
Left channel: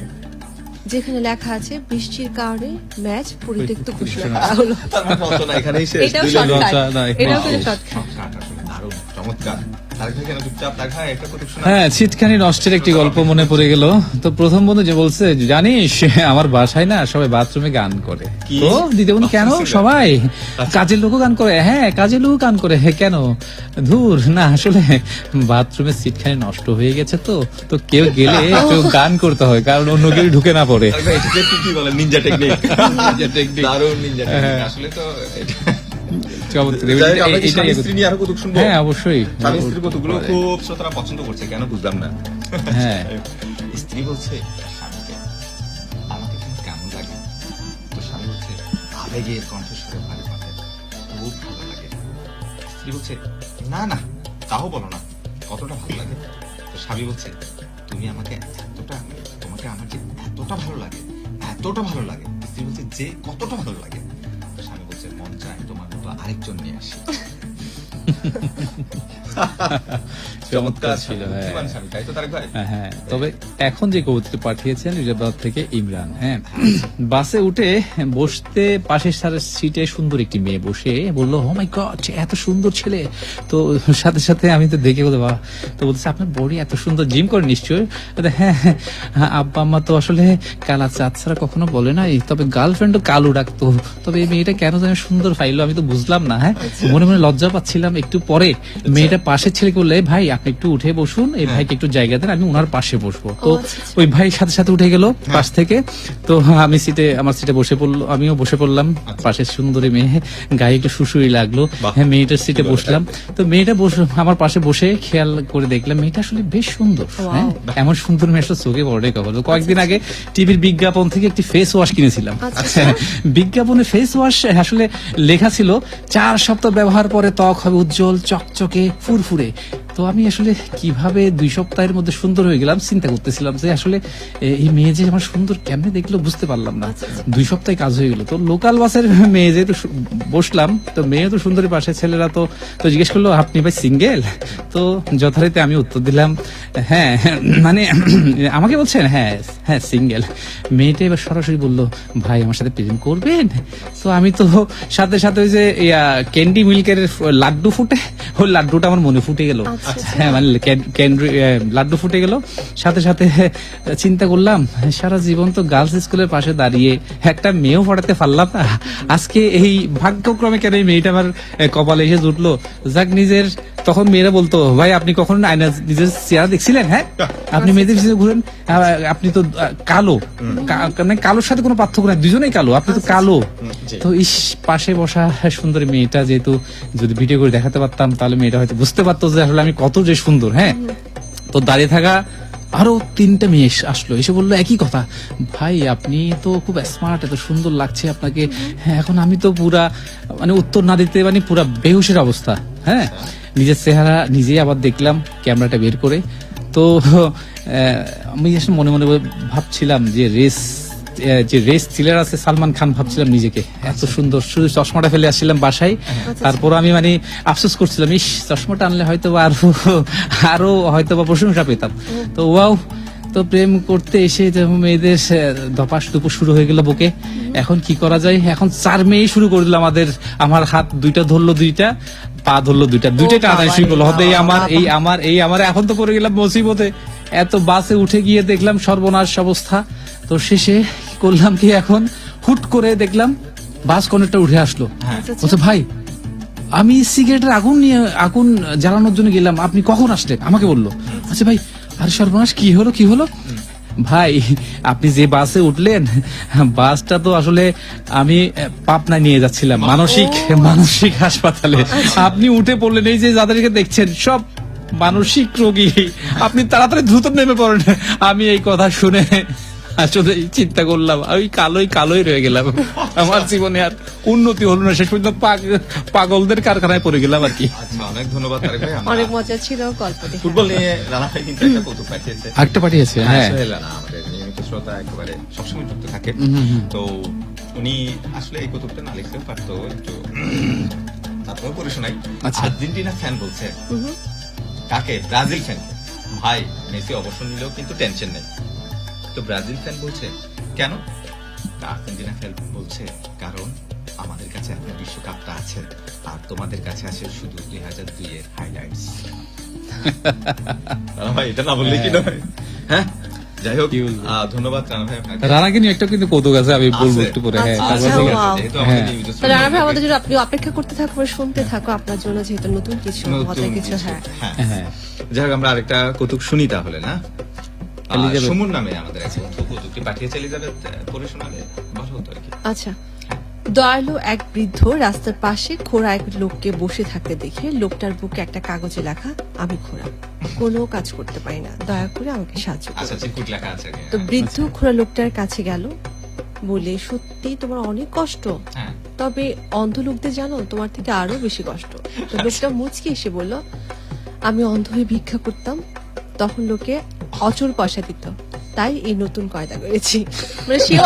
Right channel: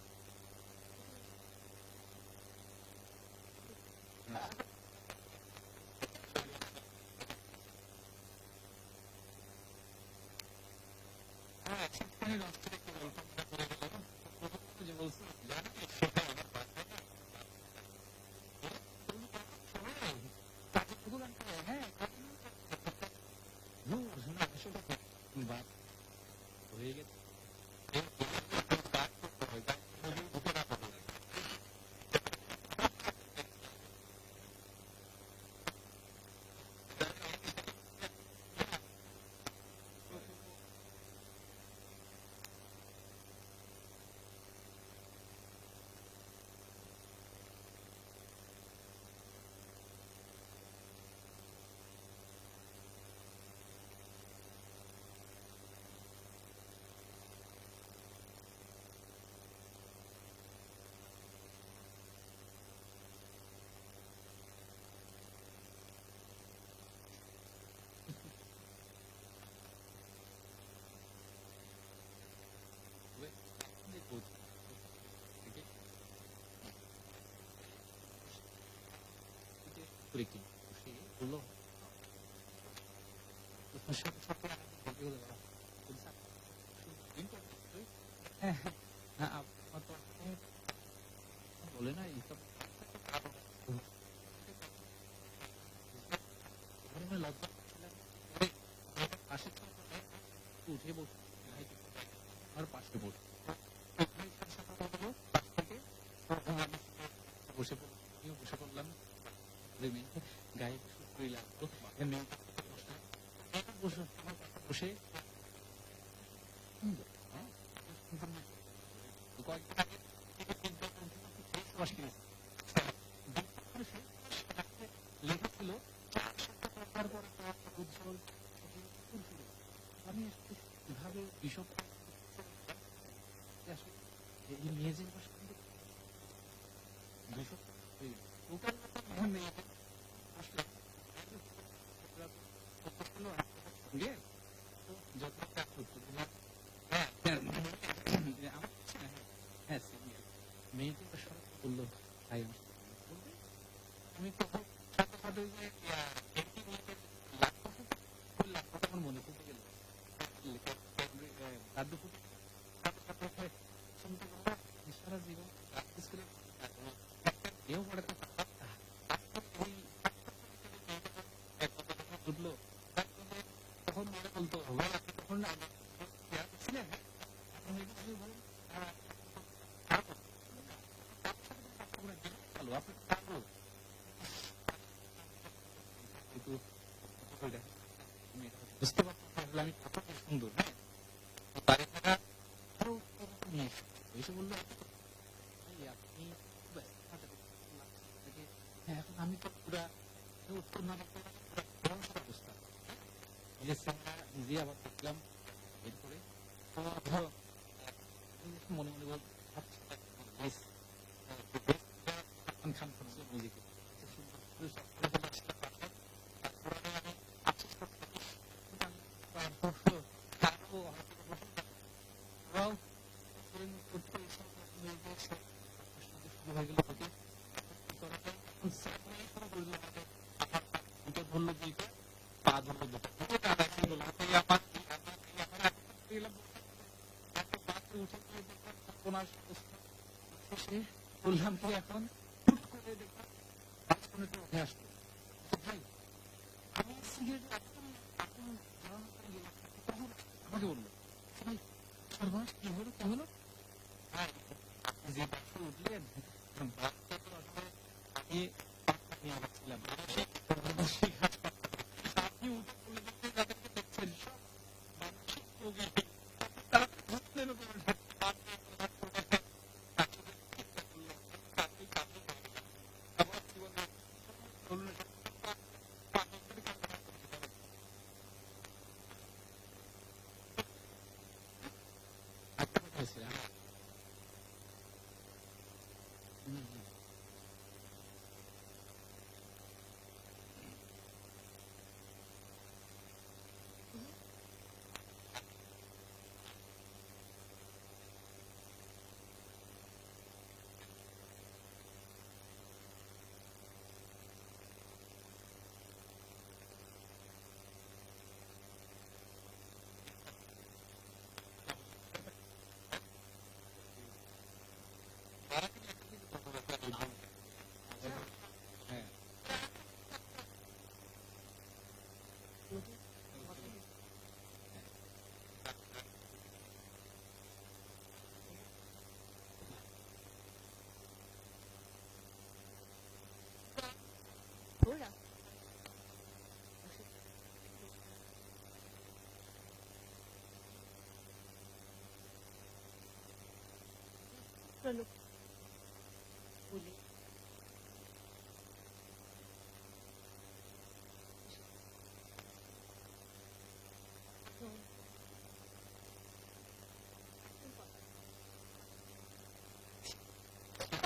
যেখানে লেখা আছে বৃষ্টির কারণে ম্যাচ পরিত্যক্ত ঘোষণা করা হলো। তার মানে রচনা এখানেই শেষ। এটাও দুই লাইন শর্টকাট, না, এটাও এখানেই কিন্তু শেষ। শর্টকাট। আসলে দারুণ, চমৎকার। আরেক ভাই কেন চুপচাপ? তার ভাই একটা কৌতুক শোনা। হ্যাঁ, ছিটখানি নষ্টের একটি গল্প মনে পড়ে গেল। তো প্রথম বন্ধু যে বলছে, জানিস আমার বাসায় না সবাই বাথরুমে গান করে। কি? তো দিদি বন্ধু, কেন? সবাই কাজের লোকও গান করে। হ্যাঁ, কাজের লোকও গান করে। হ্যাঁ, কেন? ধুর না, আসলে বাথরুমের সিটখানি নষ্ট হয়ে গেছে, তো কেউ গেলে কেউ গান করতে হয়, কারণ অন্য কেউ ঢুকে না পড়ে। আরেক ভাই এটাকে কি বলে? Ninja technique. দারুণ নিনজা টেকনিক। আসলে তো চমৎকার। যাই হোক, আমরা কি এটাই স্বামী স্ত্রী নিয়ে আরো কৌতুক শুনবো? হ্যাঁ, অবশ্যই। স্বামী স্ত্রীর কৌতুকগুলো খুব শ্রোতারা পছন্দ করছে, কেন বুঝলাম না। হ্যাঁ। স্ত্রী বলছে স্বামীকে, আমাকে তোমার কেমন লাগে? তো স্বামী বলছে, আবেগের কণ্ঠস্বরে ভারী মাথায়, খুব ভালো লাগে। স্ত্রী বলছে, না না, তাও বলো না, কতটা ভালো লাগে? তো স্বামী বলছে, তুমি আমাকে তোমাকে আমার যে এতটা ভালো লাগে। স্ত্রী বলছে, যে কতটা ভালো লাগে? তো স্বামী বলছে, মন চায় তোমার মতো আরেকজন নিয়ে আসি। চমৎকার ছিল, হ্যাঁ। বুদ্ধিমান স্বামী, তাই তো তারেক ভাই? হ্যাঁ, তবে এখন যে কবুতরটি পাঠিয়েছেন রিজার্ভ থেকে ইমরান, হ্যাঁ, বাসে উঠে বসতে পাশের সিটে সুন্দর একটি মেয়ে বসে বলল, ও মাই গড, এত সুন্দর ছেলে। তো সাথে সাথে আমি তো দেখে বলতে, বাহ, তো বলছে আপনার বডি এত সুন্দর, জিম করে নিশ্চয়ই? বলতে, হ্যাঁ হ্যাঁ, আব্বা আম্মা তো আসলে কালা চাঁদ ছাড়া কখনো বলে নাই, তবে গার্লফ্রেন্ডও কালো ডাকতো। তবে এই মেয়েটা কেন যেন সুন্দর পাইলো আমি তো বুঝলাম না। হ্যাঁ, মনে মনে লজ্জা পাচ্ছিলাম। একটু পরে মেয়েটা পাশের ছেলেকে বললে, ভাই আপনি একটু উঠে বসুন, এই ভাইকে একটু জায়গা দেন, আমি ওনার পাশে বসবো। তো ওই ভাই সাথে সাথে উঠে গেল পাশ থেকে। তো আমি আমার সিটে বসে পড়লো, আমিও বসে পড়লাম। পাশের সুন্দরী মেয়ে, গায়ে একটু শুশুই লাগলো। হ্যাঁ, মেয়েটার সিটে বসলাম। তো মেয়েটা আমার পাশে বসে খেয়াল করে দেখলাম মেয়েটা আসলে বেশ সুন্দর। হ্যাঁ, এমন সুন্দর মেয়ে আসলে চোখে পড়ে কখনো। কয়েকদিন আগে টিভির বিজ্ঞাপন থেকে একটি ফেস ওয়াশ কিনেছিলাম। বিজ্ঞাপনে ফেস ওয়াশ আসলে লেখা ছিল 4 সপ্তাহ ব্যবহার পরে ত্বক হবে উজ্জ্বল, চকচকে, ফুরফুরে। তো আমি আসলে কিভাবে 2 সপ্তাহের মধ্যে সুন্দর হয়ে গেলাম চিন্তা করতেছিলাম যে আসলে এই মেয়ে যে আমার সুন্দর কেমনে দেখলো বুঝতে পারলাম না। 2 সপ্তাহে কাজ হয়ে গেল। তো লোকাল বাসের মেয়ে যেহেতু বসলাম, তো মেয়ে তো সুন্দরী, পাশে ছেলেরা তো জিজ্ঞেস করলো, আপনি ভাই সিঙ্গেল? তো যথারীতি আমি উত্তর দিলাম, হ্যাঁ, মানে আমাকে বলছেন, হ্যাঁ হ্যাঁ সিঙ্গেল। মেয়েটা এবার সরাসরি বললো, ভাই আমার সাথে প্রেম করবেন? তো আমি তো সাথে সাথে ওই যে ক্যান্ডি মিল্কের লাড্ডু ফুটে, ওই লাড্ডুটা আমার মনে ফুটে গেল। হ্যাঁ, মানে লাড্ডু ফুটে গেল। সাথে সাথে চিন্তা করলাম, সারা জীবন তো গার্লস স্কুলের পাশে দাঁড়িয়ে একটা মেয়েও পড়াতে পারলাম না, আজকে এই ভাগ্যক্রমে কেন এই মেয়েটা আমার কপালে এসে জুটলো। যাক, তখন মেয়েরা বলতো, ভাই আপনি কখন আয়না নিজের চেহারা দেখছিলেন? হ্যাঁ, আপনি মেয়েদের পিছনে ঘুরেন, আপনি তো কালো, মানে কালোর সাথে কোনো পার্থক্য নাই, দুজনেই কালো, আপনি তো কালো। তো ইস, পাশে বসা সুন্দরী মেয়েটা যেহেতু যদি ভিডিও করে দেখাতে পারতাম তাহলে মেয়েটা হয়তো বুঝতে পারতো যে আসলে আমি কত যে সুন্দর। হ্যাঁ, তো দাঁড়িয়ে থাকা আরো 3টা মেয়ে আসলো, এসে বললো একই কথা, ভাই আপনি তো খুব স্মার্ট, এত সুন্দর লাগছে আপনাকে। হ্যাঁ, এখন আমি তো পুরা মানে উত্তর না দিতে মানে পুরা বেহুশের অবস্থা। হ্যাঁ, নিজের চেহারা নিজেই আবার দেখলাম ক্যামেরাটা বের করে। তো আমি আসলে মনে মনে ভাবছিলাম যে রেস থ্রিলার আছে সালমান খান ভাবছিলাম নিজেকে, এত সুন্দর। শুধু চশমাটা ফেলে আসছিলাম বাসায়, তারপর আমি মানে আফসোস করছিলাম, ইস চশমাটা আনলে হয়তো আরো হয়তো বা প্রশংসা পেতাম। তো ওয়াও, তো প্রেম করতে এসে মেয়েদের ধপাস দুপুর শুরু হয়ে গেল বুকে। এখন কি করা যায়? এখন 4 মেয়ে শুরু করে দিল আমার হাত 2টা ধরলো, 2টা পা ধরলো, 2টাই টানাই শুরু করলো, হবে এই আমার। এখন তো পড়ে গেলাম মুসিবতে। এত বাসে উঠে গিয়ে দেখলাম সর্বনাশ অবস্থা। তো শেষে করলাম কি, এখন হুট করে দেখলাম বাস কন্ডাক্টর উঠে আসলো, বলছে, ভাই আমি সিগারেটের আগুন জ্বালানোর জন্য গেলাম, আপনি কখন আসলেন? আমাকে বললো। আচ্ছা ভাই, আরে সর্বনাশ, কি হলো? ভাই আপনি যে বাসে উঠলেন, বাসটা তো আসলে আমি পাবনায় নিয়ে যাচ্ছিলাম, মানসিক হাসপাতালে। আপনি উঠে পড়লেন, এই যে যাদেরকে দেখছেন সব মানসিক রোগী, আপনি তাড়াতাড়ি দ্রুত নেমে পড়েন। আমি এই কথা শুনে আসলে চিন্তা করলাম, ওই কালোই রয়ে গেলাম, আমার জীবনে আর উন্নতি হলো না, শেষ পর্যন্ত পাগলদের কারখানায় পড়ে গেলাম আর কি। আচ্ছা, অনেক ধন্যবাদ তারেক ভাই। অনেক মজা ছিল গল্পটি। ফুটবল নিয়ে রানা ভাই কিন্তু একটা কৌতুক পাঠিয়েছে। একটা পাঠিয়েছে, হ্যাঁ, সোহেল রানা আমাদের নিয়মিত শ্রোতা, একেবারে সবসময় যুক্ত থাকে। তো উনি আসলে এই কৌতুকটা না লিখতেও পারতো, একটু তারপরে পড়ে শোনাই। আচ্ছা। আর্জেন্টিনা ফ্যান বলছে, কাকে? ব্রাজিল ফ্যান, ভাই মেসি অবসর নিলেও কিন্তু টেনশন নেই। তো ব্রাজিল ফ্যান বলছে, কেন? আর্জেন্টিনা ফ্যান বলছে, কারণ আমাদের কাছে এখন বিশ্বকাপটা আছে, আর তোমাদের কাছে আছে শুধু 2002 এর হাইলাইটস। ভাই এটা না বললে কি নয়? হ্যাঁ, যাই হোক, ধন্যবাদ রানা ভাই আপনাকে। রানাকে নিয়ে একটা কিন্তু কৌতুক আছে, আমি বলবো একটু পরে। হ্যাঁ, যেহেতু আমাদের এই তো রানা ভাই, আমাদের জন্য আপনি অপেক্ষা করতে থাকবেন, শুনতে থাকো, আপনার জন্য যেহেতু নতুন কিছু মজার কিছু। হ্যাঁ, যাই হোক, আমরা আরেকটা কৌতুক শুনি তাহলে। না, সুমন নামে আমাদের এক বন্ধু কৌতুকটি পাঠিয়েছে, এলিজাবেথ পড়ে শোনালে ভালো হতো আর কি। আচ্ছা। দয়ালু এক বৃদ্ধ রাস্তার পাশে খোঁড়া এক লোককে বসে থাকতে দেখে লোকটার বুকে একটা কাগজে লেখা, আমি খোঁড়া, কোনো কাজ করতে পারি না, দয়া করে আমাকে সাহায্য করুন। আচ্ছা, চিরকুট লেখা আছে। তো বৃদ্ধ খোঁড়া লোকটার কাছে গেল, বলে, সত্যি তোমার অনেক কষ্ট, তবে অন্ধ লোকদের জানো তোমার থেকে আরো বেশি কষ্ট। তো লোকটা মুচকি এসে বলল, আমি অন্ধ হয়ে ভিক্ষা করতাম, তখন লোকে অচল পয়সা দিত, তাই এই নতুন কয়দা করেছি। মানে সেও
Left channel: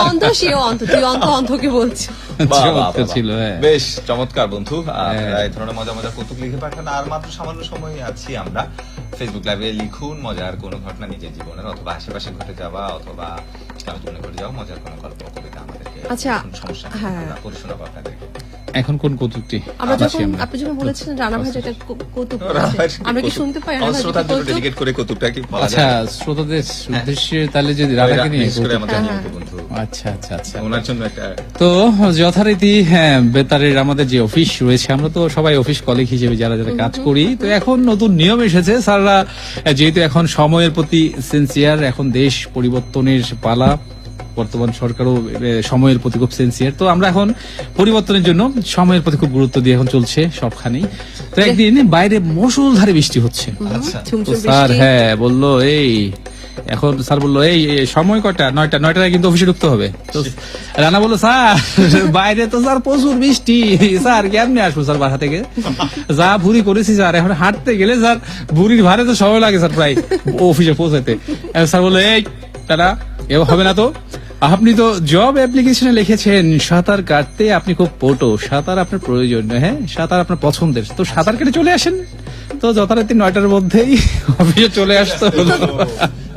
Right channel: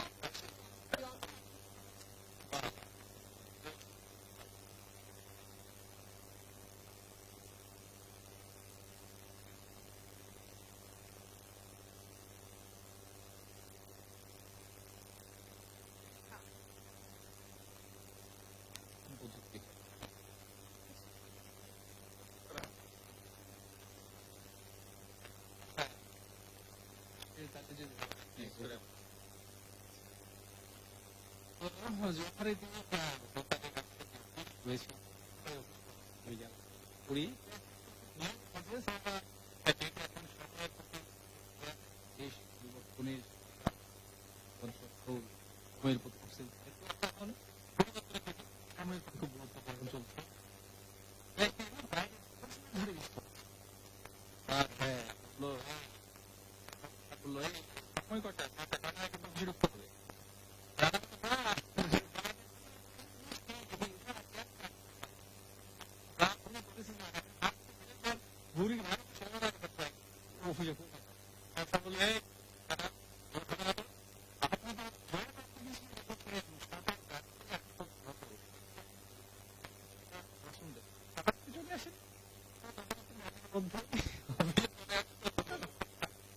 অন্ধ, তুই অন্ধকে বলছি। বাহ, বাহ, চমৎকার বাহ, ছিল, বাহ। হ্যাঁ। বেশ চমৎকার বন্ধু। আপনারা এই ধরনের মজা মজা কৌতুক লিখে পাঠান। আর মাত্র সামান্য সময় আছি আমরা। ফেসবুক লাইভে লিখুন মজার কোনো ঘটনা নিজের জীবনের অথবা আশেপাশে ঘটে যাওয়া অথবা জীবনে ঘটে যাওয়া মজার কোনো গল্প কবিতা আমাদেরকে আচ্ছা, কোনো সমস্যা নেই, হ্যাঁ। আমরা পড়ে শোনাবো আপনাদেরকে। এখন কোন কৌতুকটি আপনি যখন বলেছিলেন রানা ভাই যেটা কৌতুক রানা বলেছে, ভাইয়ের আমরা কি কৌতুক। শুনতে পাই? রানা আমার ভাই শ্রোতার জন্য কৌতুক? ডেডিকেট করে কৌতুকটা কি বলা আচ্ছা, যায়? শ্রোতাদের উদ্দেশ্যে তাহলে যদি রাধাকে নিয়ে বিশেষ করে কৌতুক- আমাদের নিয়মিত বন্ধু। আচ্ছা আচ্ছা আচ্ছা। ওনার জন্য একটা তো যথারীতি হ্যাঁ, বেতারের আমাদের যে অফিস রয়েছে, আমরা তো সবাই অফিস কলিগ হিসেবে যারা যারা কাজ করি, তো এখন নতুন নিয়ম এসেছে স্যাররা, যেহেতু এখন সময়ের প্রতি সিনসিয়ার, এখন দেশ পরিবর্তনের পালা, বর্তমান সরকারও সময়ের প্রতি খুব সিনসিয়ার, তো আমরা এখন পরিবর্তনের জন্য সময়ের প্রতি খুব গুরুত্ব দিয়ে এখন চলছে সবখানেই। তো একদিন বাইরে মুষলধারে বৃষ্টি হচ্ছে, আচ্ছা ঝুমঝুম স্যার বৃষ্টি। হ্যাঁ বললো এই এখন স্যার বললো এই সময় কটা, 9টায় কিন্তু অফিসে ঢুকতে হবে। তো রানা বললো স্যার বাইরে তো স্যার প্রচুর বৃষ্টি, স্যার কেমনে আসবো স্যার বাসা থেকে, যা ভুরি করেছি স্যার, এখন হাঁটতে গেলে স্যার ভুরির ভারে তো সময় লাগে স্যার প্রায় অফিসে পৌঁছাতে। স্যার বললো এই দাদা এ হবে না তো, আপনি তো জব অ্যাপ্লিকেশনে লিখেছেন সাঁতার কাটতে আপনি খুব পটো, সাঁতার আপনার প্রয়োজন, হ্যাঁ সাঁতার আপনার পছন্দের, তো সাঁতার কেটে চলে আসেন। তো যথারীতি 9টার মধ্যেই অফিসে চলে আসতে হলো,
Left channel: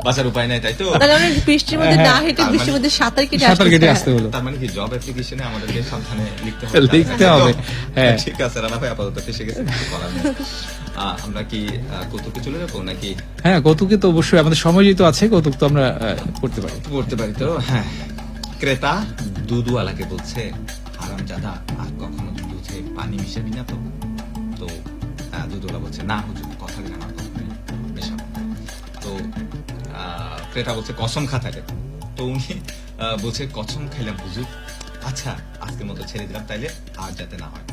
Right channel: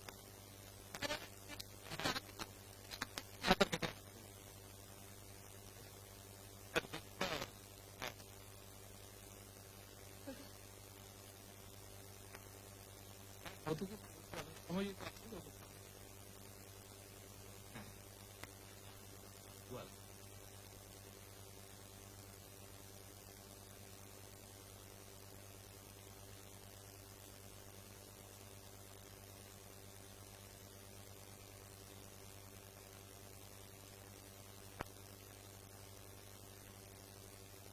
বাঁচার উপায় নাই, তাই তো? তাহলে আমরা বৃষ্টির মধ্যে না হেঁটে তার বৃষ্টির মধ্যে সাঁতার কেটে সাঁতার কেটে আসতে আসতে হলো। তার মানে কি জব অ্যাপ্লিকেশনে আমাদেরকে সাবধানে লিখতে লিখতে হবে, হ্যাঁ। ঠিক আছে, রানা ভাই আপাতত ফেসে গেছে, কিছু করার নেই। আমরা কি কৌতুকে চলে যাবো নাকি হ্যাঁ কৌতুকে তো অবশ্যই আমাদের সময় যেহেতু আছে, কৌতুক তো আমরা করতে পারি। পড়তে পারি? তো হ্যাঁ, ক্রেতা দুধওয়ালাকে বলছে হারামজাদা আর কখনো দুধে পানি মিশাবি না তো। তো দুধওয়ালা বলছে না হুজুর, কথা দিলাম আর কখনোই মেশাবো না। তো ক্রেতা বলছে কসম খা থাকে। তো উনি বলছে কসম খাইলাম হুজুর, আচ্ছা আজকের মতো ছেড়ে দিলাম, তাইলে আর যাতে না হয়।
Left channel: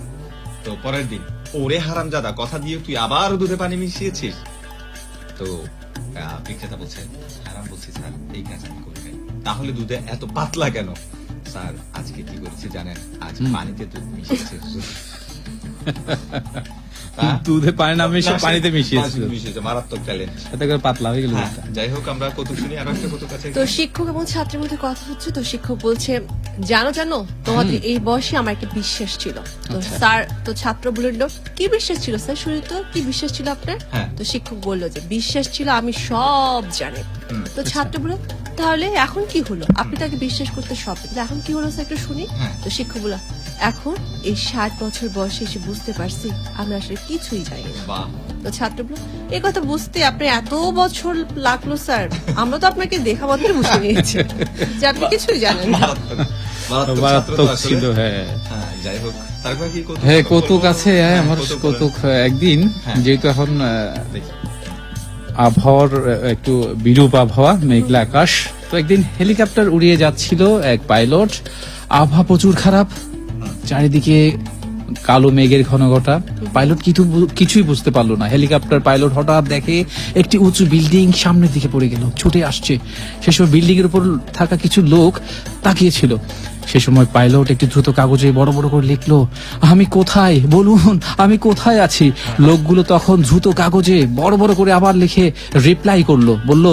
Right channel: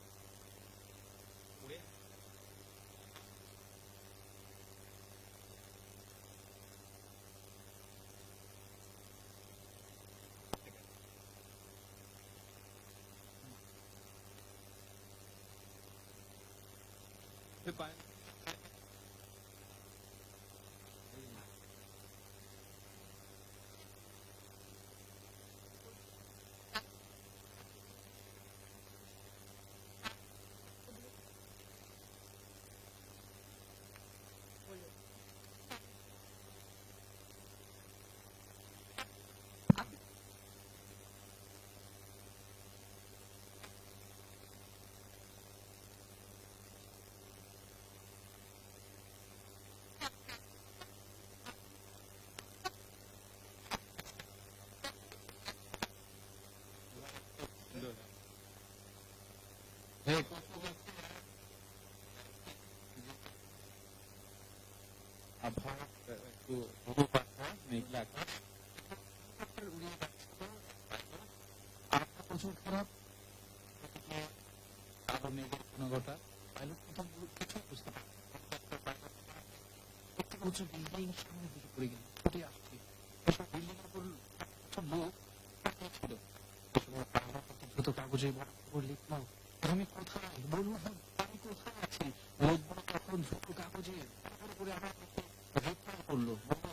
তো পরের দিন, ওরে হারামজাদা কথা দিয়ে তুই আবার দুধে পানি মিশিয়েছিস। তো বিক্রেতা বলছে হারাম বলছি স্যার, এই কাজ আমি করি নাই। তাহলে দুধে এত পাতলা কেন? স্যার আজকে কি করেছে জানেন, আজ পানিতে দুধ মিশিয়েছে হুজুর। দুধে পানি না মিশিয়ে পানিতে মিশিয়েছিল, মিশিয়েছে, মারাত্মক ট্যালেন্ট। এতে করে পাতলা হয়ে গেল। যাই হোক, আমরা কৌতুক শুনি, আরো একটা কৌতুক আছে। তো শিক্ষক এবং ছাত্রের মধ্যে কথা হচ্ছে, তো শিক্ষক বলছে জানো তোমাদের এই বয়সে আমার একটা বিশ্বাস ছিল। তো স্যার, তো ছাত্র বলল কি বিশ্বাস ছিল স্যার, শুরু তো কি বিশ্বাস ছিল আপনার? হ্যাঁ। তো শিক্ষক বলল যে বিশ্বাস ছিল আমি সব জানি। তো ছাত্র বলল তাহলে এখন কি হলো, আপনি তাকে বিশ্বাস করতে সব, এখন কি হলো স্যার একটু শুনি। হ্যাঁ। তো শিক্ষক বলল এখন এই 60 বছর বয়সে এসে বুঝতে পারছি আমরা আসলে কিছুই জানি না। বাহ, তো ছাত্র বলল এই কথা বুঝতে আপনার এত বছর লাগলো স্যার, আমরা তো আপনাকে দেখা মাত্র বুঝে নিয়েছি যে আপনি কিছুই জানেন না। মারাত্মক ছাত্র তো মারাত্মক আসলে। ছিল, হ্যাঁ। হ্যাঁ, যাই হোক, তারপর কি কৌতুক? হ্যাঁ কৌতুক আছে, হ্যাঁ আমার কৌতুক বলেন। কৌতুক একদিন, হ্যাঁ। যেহেতু এখন দেখি। আবহাওয়ার একটু বিরূপ আবহাওয়া, মেঘলা আকাশ, তো একদিন হেলিকপ্টার উড়িয়ে যাচ্ছিল এক পাইলট, আবহাওয়া প্রচুর খারাপ, চারিদিকে কালো মেঘের ঘনঘটা, পাইলট কিছুই বুঝতে পারলো না। হেলিকপ্টার পাইলট হঠাৎ দেখে একটি উঁচু বিল্ডিং সামনের দিকে পড়ে গেল, ছুটে আসছে। সে সময় বিল্ডিং এর উপর থাকা কিছু লোক তাকিয়েছিল। সে সময় পাইলট একটি দ্রুত কাগজে বড় বড় করে লিখলো, আমি কোথায় বলুন, আমি কোথায় আছি। লোকগুলো তখন দ্রুত কাগজে বড় বড় করে আবার লিখে রিপ্লাই করলো, বলল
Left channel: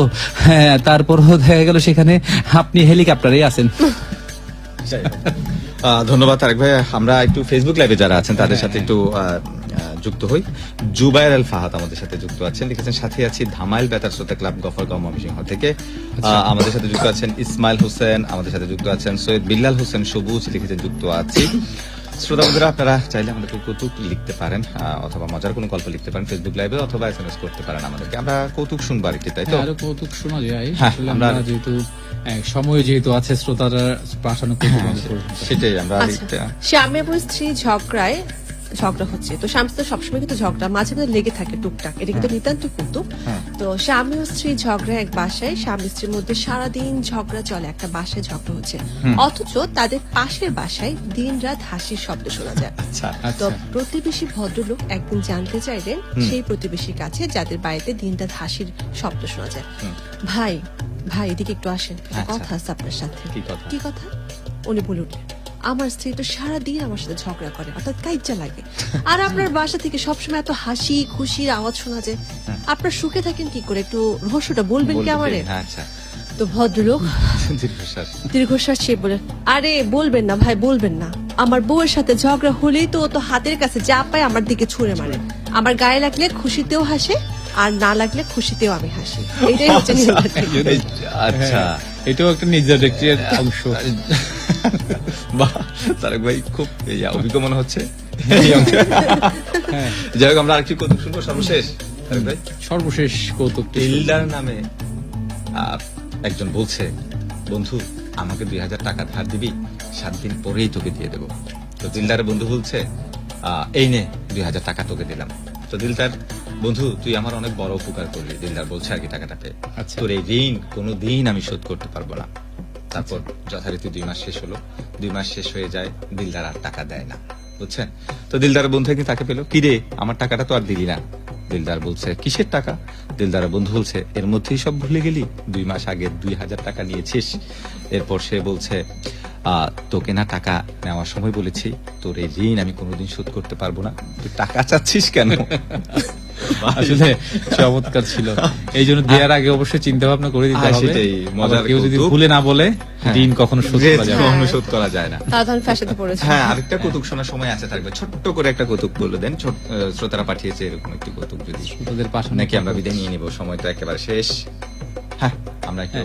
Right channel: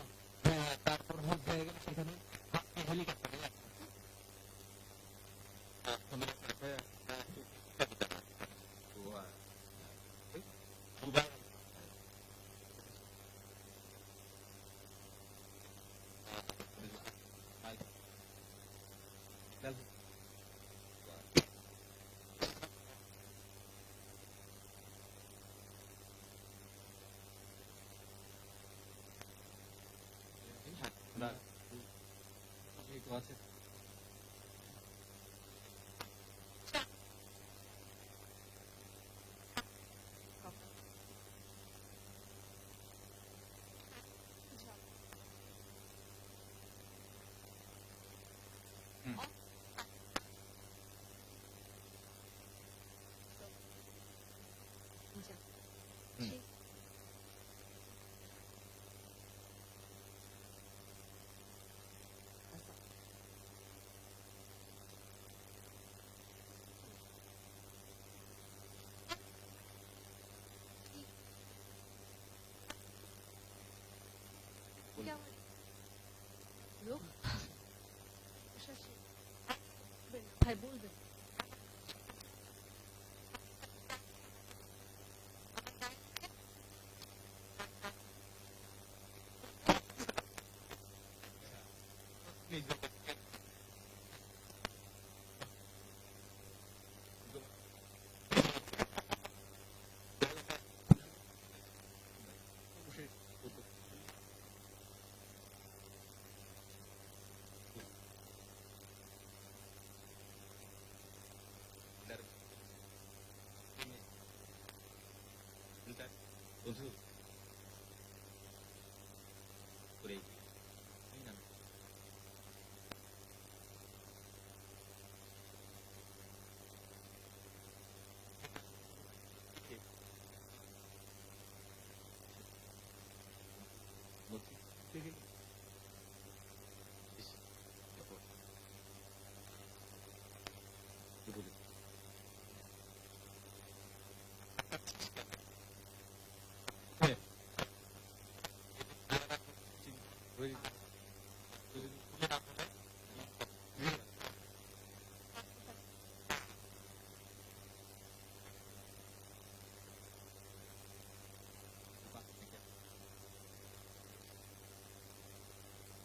হ্যাঁ, তারপরও দেখা গেল সেখানে আপনি হেলিকপ্টারে আছেন। যাই হোক। ধন্যবাদ তারেক ভাই। আমরা একটু ফেসবুক লাইভে যারা আছেন তাদের সাথে একটু যুক্ত হই। জুবায়ের আল ফাহাদ আমাদের সাথে যুক্ত আছেন, লিখেছেন সাথে আছি ধামাইল বেতার শ্রোতা ক্লাব গফরগাঁও ময়মনসিংহ থেকে। আমাদের সাথে যুক্ত আছেন ইসমাইল হোসেন, আমাদের সাথে যুক্ত আছেন সৈয়দ বিল্লাল হোসেন সবুজ, লিখেছেন যুক্ত আছি। শ্রোতা বন্ধুরা, আপনারা চাইলে আমাদেরকে কৌতুক লিখতে পারেন অথবা মজার কোনো গল্প লিখতে পারেন ফেসবুক লাইভে, অথবা এসএমএস করতে পারেন আমাদেরকে। আমরা কৌতুক শুনবো আরেকটি, তাই তো? আরো কৌতুক শোনা যায়, হ্যাঁ, আসলে আমরা- আমরা যেহেতু সময় যেহেতু আছে, শ্রোতারা পাঠানো কৌতুক আমাদের করবে। সেটাই আমরা আচ্ছা, স্বামী এবং স্ত্রী ঝগড়া হচ্ছে। তো স্বামী তো সবসময় কিন্তু ঝগড়া মাঝে মাঝে লেগে থাকে টুকটাক, এটা কিন্তু নিতান্ত কৌতুক। তো স্বামী ও স্ত্রী ঝগড়া এক বাসায়, স্বামী স্ত্রীর মধ্যে সারাদিন ঝগড়া চলে, একটা বাসায় ঝগড়া হচ্ছে, অথচ তাদের পাশের বাসায় দিন রাত হাসির শব্দ শোনা যায়। আচ্ছা, তো আচ্ছা, প্রতিবেশী ভদ্রলোক একদিন জানতে চাইলেন সেই প্রতিবেশীর কাছে যাদের বাড়িতে দিন রাত হাসির শব্দ শোনা যায়, ভাই ভাই এদিকে একটু আসেন, একটা আচ্ছা। কথা আছে আপনার সাথে। কি কথা? কি কথা? উনি বলে উঠলেন আমার স্ত্রী তো সারাদিন আমার সাথে ঝগড়া করে, অর্থাৎ কাইজ্জা লাগে, আর আপনার বাসা থেকে সবসময় এত হাসি খুশির আওয়াজ শোনা যায়, আপনার সুখে থাকেন কি করে, একটু রহস্যটা বলবেন কি আমারে? হ্যাঁ, আচ্ছা। তো ভদ্রলোক দীর্ঘশ্বাস। দীর্ঘশ্বাস ছেড়ে বলে, আরে বলবেন না ভাই, বলবেন না। আমার বউয়ের সাথে ঝগড়া হলেই তো ও তো হাতের কাছে যা পায় আমার দিকে ছুঁড়ে মারে। আমার গায়ে লাগলে খুশিতেও হাসে, আর না লাগলে খুশিতেও আমি হাসি। এটাই হচ্ছে নির্যাতন। আচ্ছা, এটাও একটা নির্যাতনের অংশ। বাহ, তারেক ভাই খুব অভিজ্ঞ মনে হচ্ছে এই অংশে। যাই হোক, আমরা আরেকটি কৌতুক শুনবো সর্বশেষ। তারেক ভাই, সর্বশেষ কৌতুক টিল্ডার নামে একজন বলছে, বন্ধু আমাকে 2000 টাকা ধার দিবি, 7 দিন পরেই তোকে দিয়ে দেবো। তো দিলদারের বন্ধু বলছে, এই নে 2000 টাকা তোকে দিলাম। তো দিলদার, বন্ধু তুই আমার অনেক বড় উপকার করলি। দিলদার বলছে আর কি টাকাটা পেয়ে, আচ্ছা। তোর এই ঋণ কোনোদিন আমি শোধ করতে পারবো না। তারপর যথারীতি 2 মাস শেষ হলো। 2 মাস শেষ হয়ে যায়, দিলদার আর টাকা দেয় না, বুঝছেন? তো দিলদারের বন্ধু একদিন তাকে পেলো, কি রে আমার টাকাটা তো আর দিলি না। দিলদার বলছে, কিসের টাকা? দিলদারের বন্ধু বলছে, এর মধ্যেই সব ভুলে গেলি, 2 মাস আগে 2000 টাকা নিয়েছিস। এরপর সে বলছে, তোকে না টাকা নেওয়ার সময় বলেছি তোর এই ঋণ আমি কোনোদিন শোধ করতে পারবো না, তুই টাকা চাচ্ছিস কেন? আসলে চমৎকার ছিল। এই জন্য দেওয়ার আগে অবশ্যই চিন্তা ভাবনা করে দিতে হবে। সেটাই, মজার আবার কেউ যদি কৌতুক। ভুলে না বলে, ঋণ কখনো শোধ করা যাবে না। কখনো শোধ করা যায় না। তারা তখন ফ্যাশনে পড়েছে। হ্যাঁ, আরেকটা কৌতুক শোনার সময় আছে থাকবে, ছোট্ট করে একটা কৌতুক বলে দেন। শ্রোতারা পাঠিয়েছে এরকম একটি কৌতুক, যদি ওদের পাশে নাকি আমরা বিদায় নিয়ে নিব, সময় তো একেবারে শেষ। হ্যাঁ, আমরা একটু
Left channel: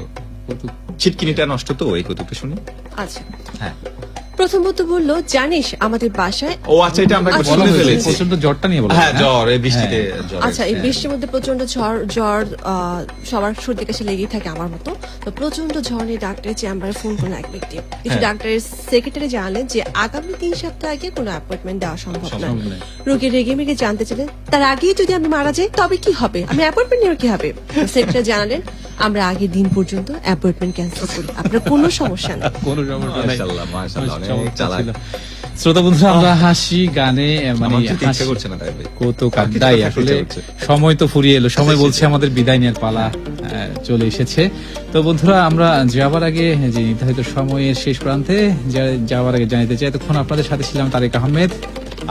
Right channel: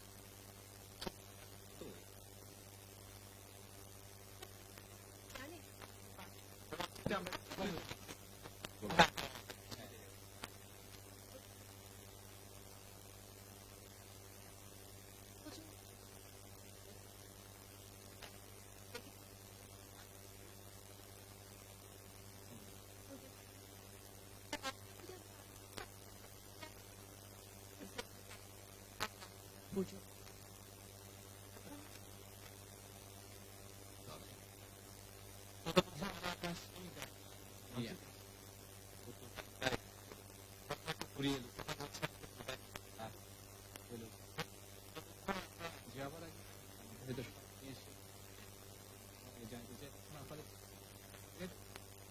কৌতুক। ছিটকিনিটা নষ্ট তো, এই কৌতুকটা শুনি। আচ্ছা, হ্যাঁ, প্রথমত বললো, জানিস আমাদের বাসায় ও আচ্ছা, এটা আমরা একবার আচ্ছা, শুনে বলা ফেলেছি। প্রচন্ড জ্বরটা নিয়ে বলো। হ্যাঁ, জ্বর, এই বৃষ্টিতে জ্বর। আচ্ছা, এই বৃষ্টির মধ্যে প্রচন্ড জ্বর সবার সর্দি কাশি লেগেই থাকে আমার মতো। তো প্রচন্ড জ্বর নিয়ে ডাক্তারের চেম্বারে ফোন করলো এক ব্যক্তি। কিছু ডাক্তারের সেক্রেটারি জানালেন যে আগামী 3 সপ্তাহ আগে কোনো অ্যাপয়েন্টমেন্ট দেওয়া সম্ভব নয়। সম্ভব নয়। রোগী রেগে মেগে জানতে চাইলেন, তার আগেই যদি আমি মারা যাই তবে কি হবে, আমি অ্যাপয়েন্টমেন্ট নিয়ে কি হবে? সেক্রেটারি জানালেন, আমরা আগের দিন পর্যন্ত অ্যাপয়েন্টমেন্ট ক্যান্সেল করি, আপনার কোনো সমস্যা নেই। কোনো সমস্যা নাই। মাশাআল্লাহ, মাশাআল্লাহ, অনেক চমৎকার চালাক। ছিল। শ্রোতা বন্ধুরা, আমরা হাসি গানে মানে আমার যেতে ইচ্ছা হাসি করছে না, তাই ভাই। কৌতুক আর কিছু আড্ডাই কথা আসলে হচ্ছে। সময় তো ফুরিয়ে এলো। সময় বলছে আমাদের বিদায় নেওয়ার পালা চলে এসেছে। তো বন্ধুরা, আমরা যাওয়ার আগে যে নির্ধারিত সময়ের শেষ প্রান্তে যাওয়ার আগে জানাতে চাই, এতক্ষণ আপনাদের সাথে ছিলাম তারেক আহমেদ,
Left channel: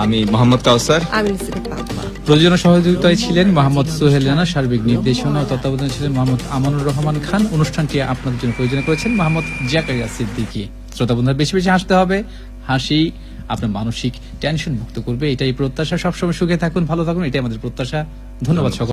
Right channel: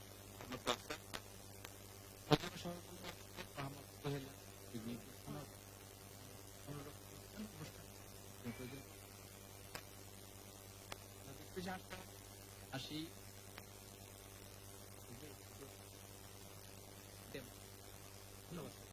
আমি মোহাম্মদ কাউসার। আমি লিসেন পাবো। প্রযোজনা সহযোগিতায় ছিলেন মোহাম্মদ সোহেল রানা, সার্বিক নির্দেশনা ও তত্ত্বাবধানে ছিলেন মোহাম্মদ আমানুর রহমান খান। অনুষ্ঠানটি আপনাদের জন্য প্রযোজনা করেছেন মোহাম্মদ জাকারিয়া সিদ্দিকী। শ্রোতা বন্ধুরা, বেশি বেশি হাসতে হবে। হাসি আপনার মানসিক টেনশন মুক্ত করবে, এটাই প্রত্যাশা। সবসময় সুখে থাকুন, ভালো থাকুন, এটাই আমাদের প্রত্যাশা। ধন্যবাদ সকল।